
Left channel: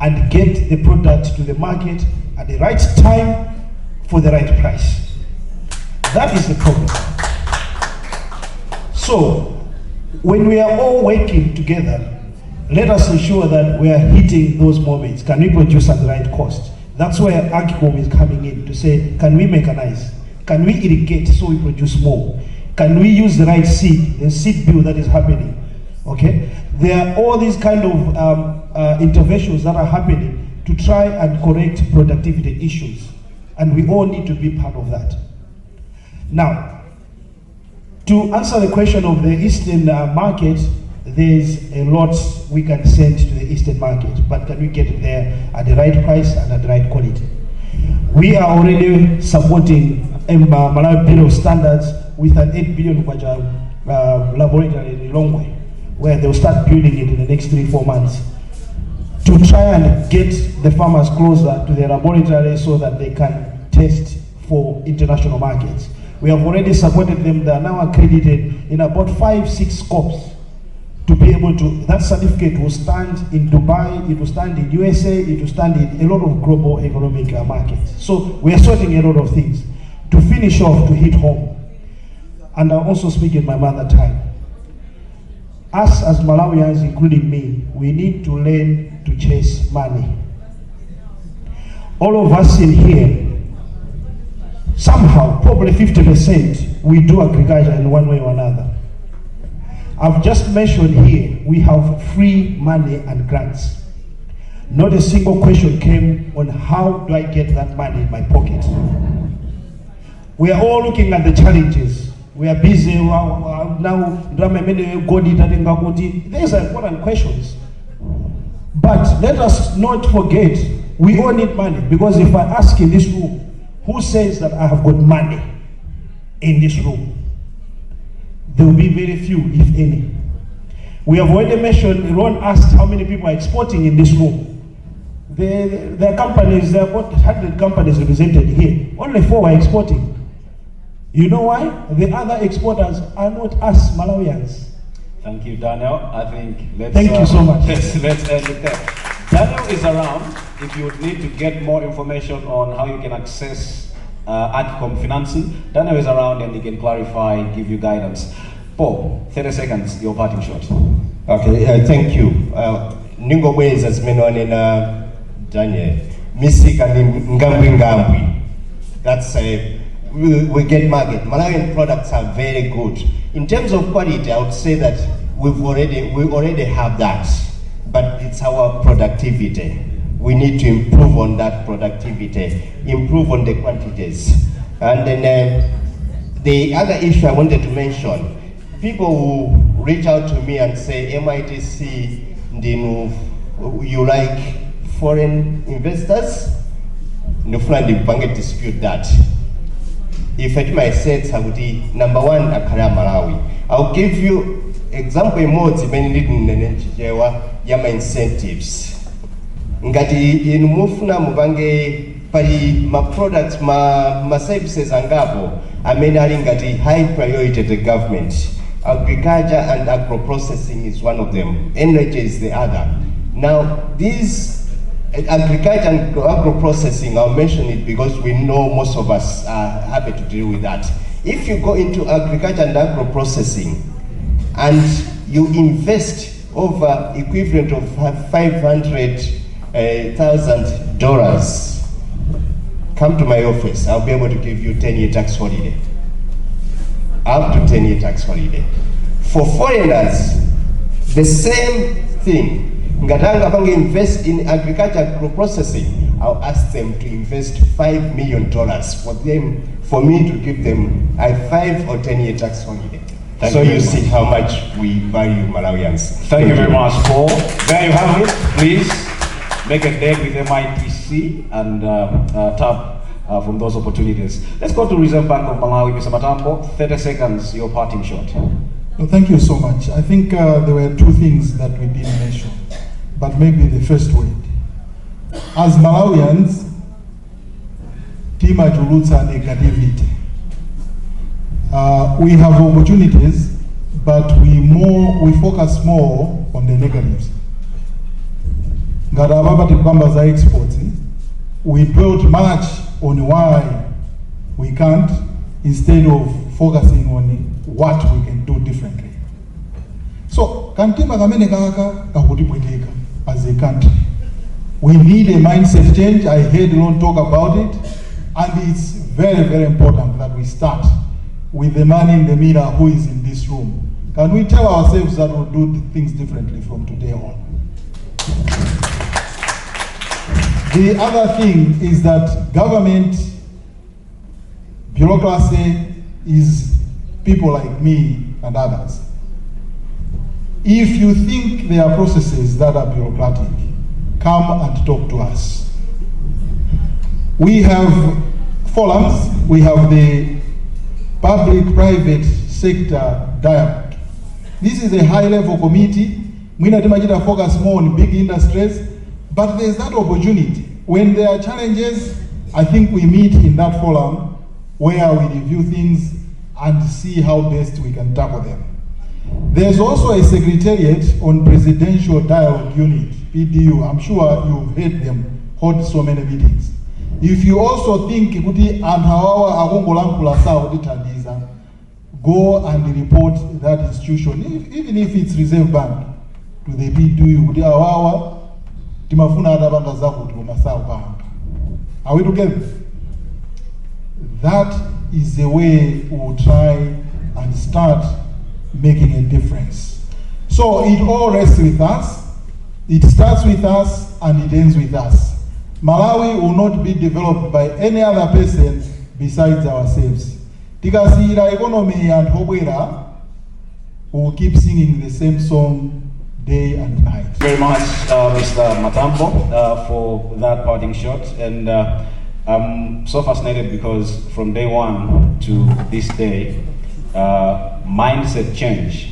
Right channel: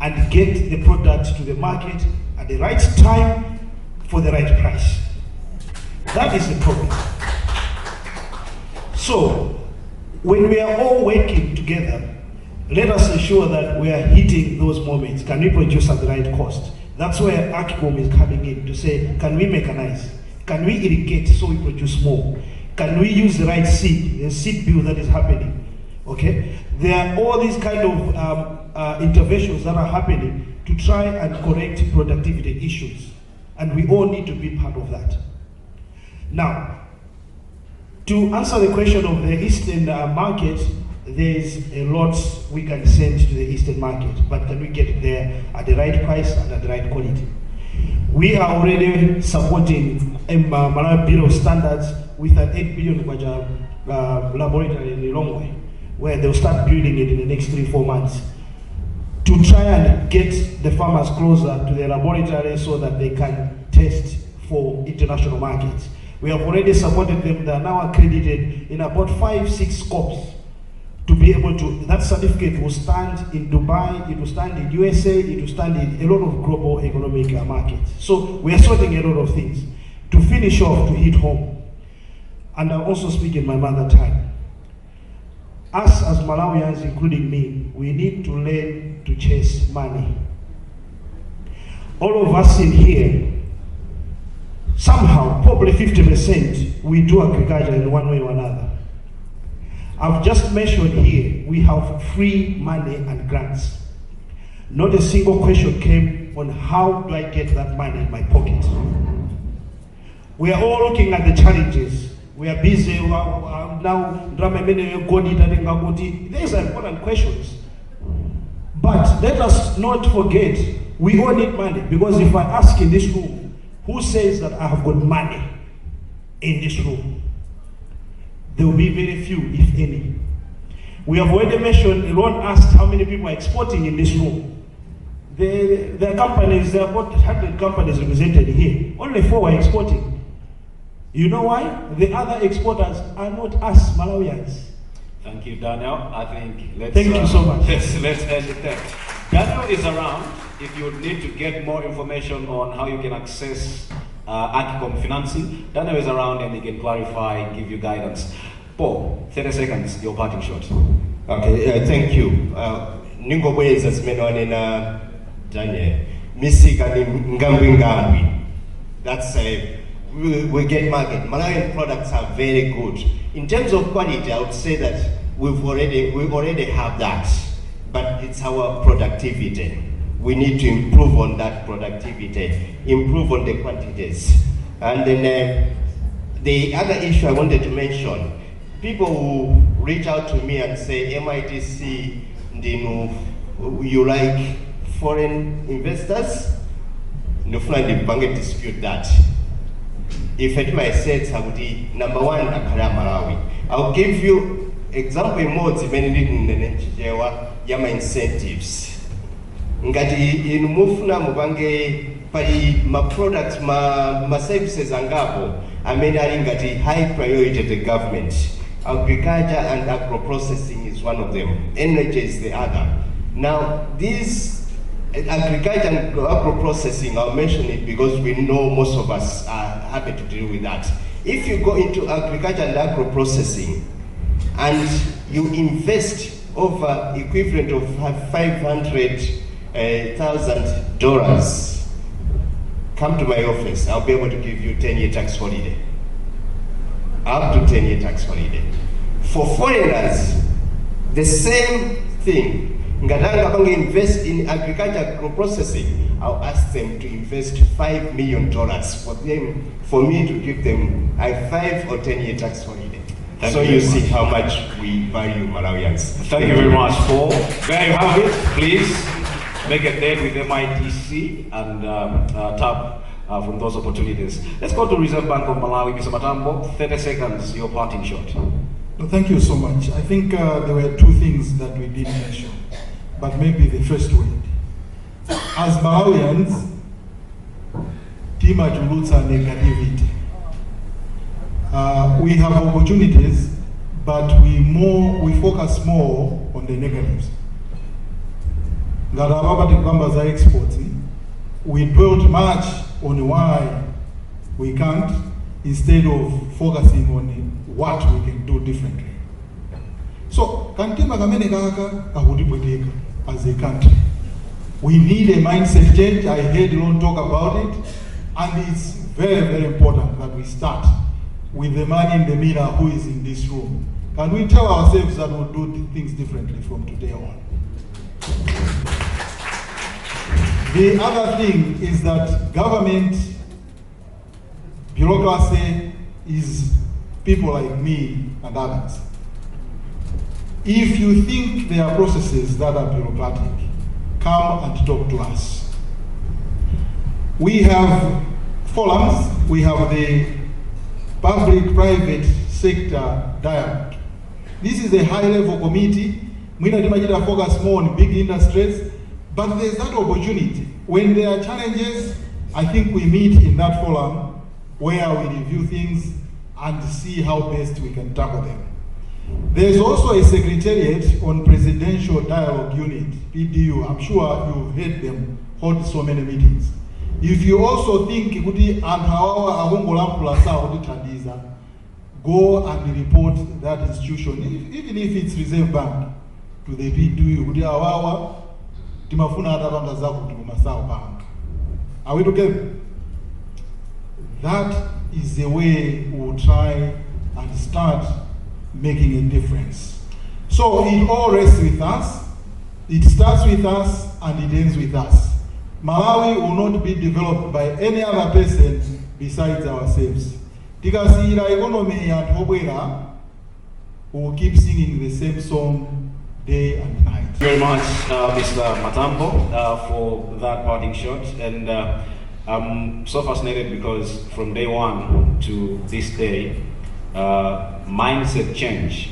and get the product to the market at the right time for the right price? That is the problem. So, when we are all working together, let us ensure that we are hitting those moments. Can we produce at the right cost? That's where Agricom is coming in to say, can we mechanize? Can we irrigate so we produce more? Can we use the right seed, the seed bill that is happening? Okay? There are all these kind of interventions that are happening to try and correct productivity issues. And we all need to be part of that. Now, to answer the question of the Eastern market, there's a lot we can send to the Eastern market, but can we get there at the right price and at the right quality? We are already supporting Malawi Bureau of Standards with an 8 billion laboratory in Lilongwe, where they'll start building it in the next 3-4 months to try and get the farmers closer to their laboratory so that they can test for international markets. We have already supported them. They are now accredited in about 5-6 scopes to be able to, that certificate will stand in Dubai, it will stand in USA, it will stand in a lot of global economic markets. So we are sorting a lot of things. To finish off, to hit home, and I'll also speak in my mother tongue. Us as Malawians, including me, we need to learn to chase money. All of us in here, somehow, probably 50%, we do agriculture in one way or another. I've just mentioned here, we have free money and grants. Not a single question came on how do I get that money in my pocket. We are all looking at the challenges. We are busy now. These are important questions. But let us not forget, we all need money. Because if I ask in this room, who says that I have got money in this room? There will be very few, if any. We have already mentioned, Ron asked how many people are exporting in this room. There are companies, there are about 100 companies represented here. Only 4 are exporting. You know why? The other exporters are not us Malawians. Thank you, Daniel. I think Thank you so much. Let's end it there. Daniel is around if you need to get more information on how you can access Agcom financing. Daniel is around and he can clarify, give you guidance. Paul, 30 seconds, your parting shot. Okay, thank you. Ningo Wales as menonena Daniel. Misika ngambwi. That's we get market. Malawian products are very good. In terms of quality, I would say that we already have that, but it's our productivity. We need to improve on that productivity, improve on the quantities. And then the other issue I wanted to mention, people who reach out to me and say, MITC, you like foreign investors? No flying bank dispute that. If it might say number one, Akara Malawi. I'll give you example more yama incentives. Ngati in mufuna mubange pali ma products ma services angapo amenali ngati high priority to the government. Agriculture and agro processing is one of them. Energy is the other. Now these agriculture and agro processing, I'll mention it because we know most of us are happy to deal with that. If you go into agriculture and agro processing and you invest over equivalent of $500,000, come to my office. I'll be able to give you 10-year tax holiday. Up to 10-year tax holiday. For foreigners, the same thing. Ngatanga bangi invest in agriculture processing, I'll ask them to invest $5 million for me to give them a 5 or 10-year tax holiday. So you see how much we value Malawians. Thank you very much, Paul. There you have it. Please make a date with MITC and tap from those opportunities. Let's go to Reserve Bank of Malawi, Mr. Matambo. 30 seconds, your parting shot. Well, thank you so much. I think there were 2 things that we didn't mention, but maybe the first one. As Malawians, tima julutsa negativity. We have opportunities, but we focus more on the negatives. Ngarababa tikamba za exports, we built much on why we can't, instead of focusing on what we can do differently. So, kantima kamene kaka kahutipweteka as a country. We need a mindset change. I heard Ron talk about it, and it's very, very important that we start with the man in the mirror who is in this room. Can we tell ourselves that we'll do things differently from today on? The other thing is that government bureaucracy is people like me and others. If you think there are processes that are bureaucratic, come and talk to us. We have forums, we have the public-private sector dialogue. This is a high-level committee. We not focus more on big industries, but there's that opportunity. When there are challenges, I think we meet in that forum. where we review things and see how best we can tackle them. There's also a secretariat on Presidential Dialogue Unit, PDU. I'm sure you've heard them hold so many meetings. If you also think kuti anhawawa akongolankhula sawa kutithandiza, go and report that institution, even if it's Reserve Bank, to the PDU kuti awawa timafuna atabanga zako tikoma sawa pa. Are we together? That is the way we will try and start making a difference. So it all rests with us, it starts with us, and it ends with us. Malawi will not be developed by any other person besides ourselves. Tikasiyira economy and hobwera, we will keep singing the same song day and night. Thank you very much, Mr. Matambo, for that parting shot. And I'm so fascinated because from day one to this day, mindset change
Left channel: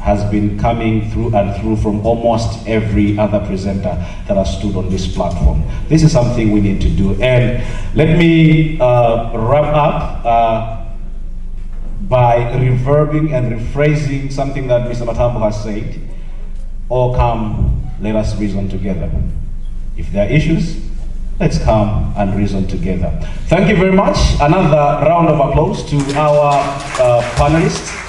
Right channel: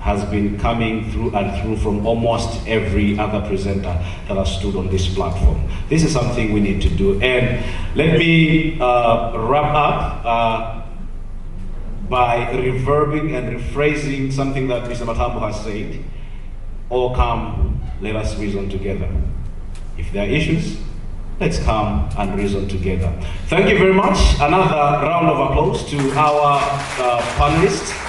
has been coming through and through from almost every other presenter that has stood on this platform. This is something we need to do. And let me wrap up by reverbing and rephrasing something that Mr. Matambo has said. All come, let us reason together. If there are issues, let's come and reason together. Thank you very much. Another round of applause to our panelists.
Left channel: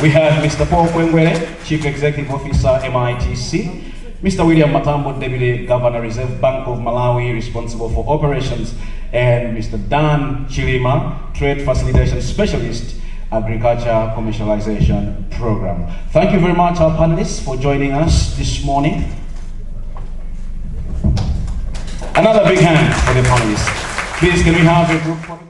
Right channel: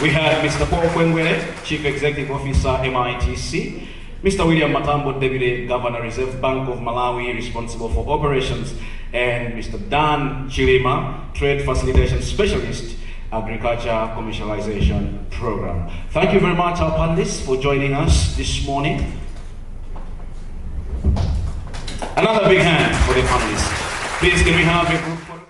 We have Mr. Paul Kwengwele, Chief Executive Officer, MITC, Mr. William Matambo, Deputy Governor, Reserve Bank of Malawi, responsible for operations, and Mr. Dan Chilima, Trade Facilitation Specialist, Agriculture Commercialization Program. Thank you very much, our panelists, for joining us this morning. Another big hand for the panelists. Please, can we have a group photo?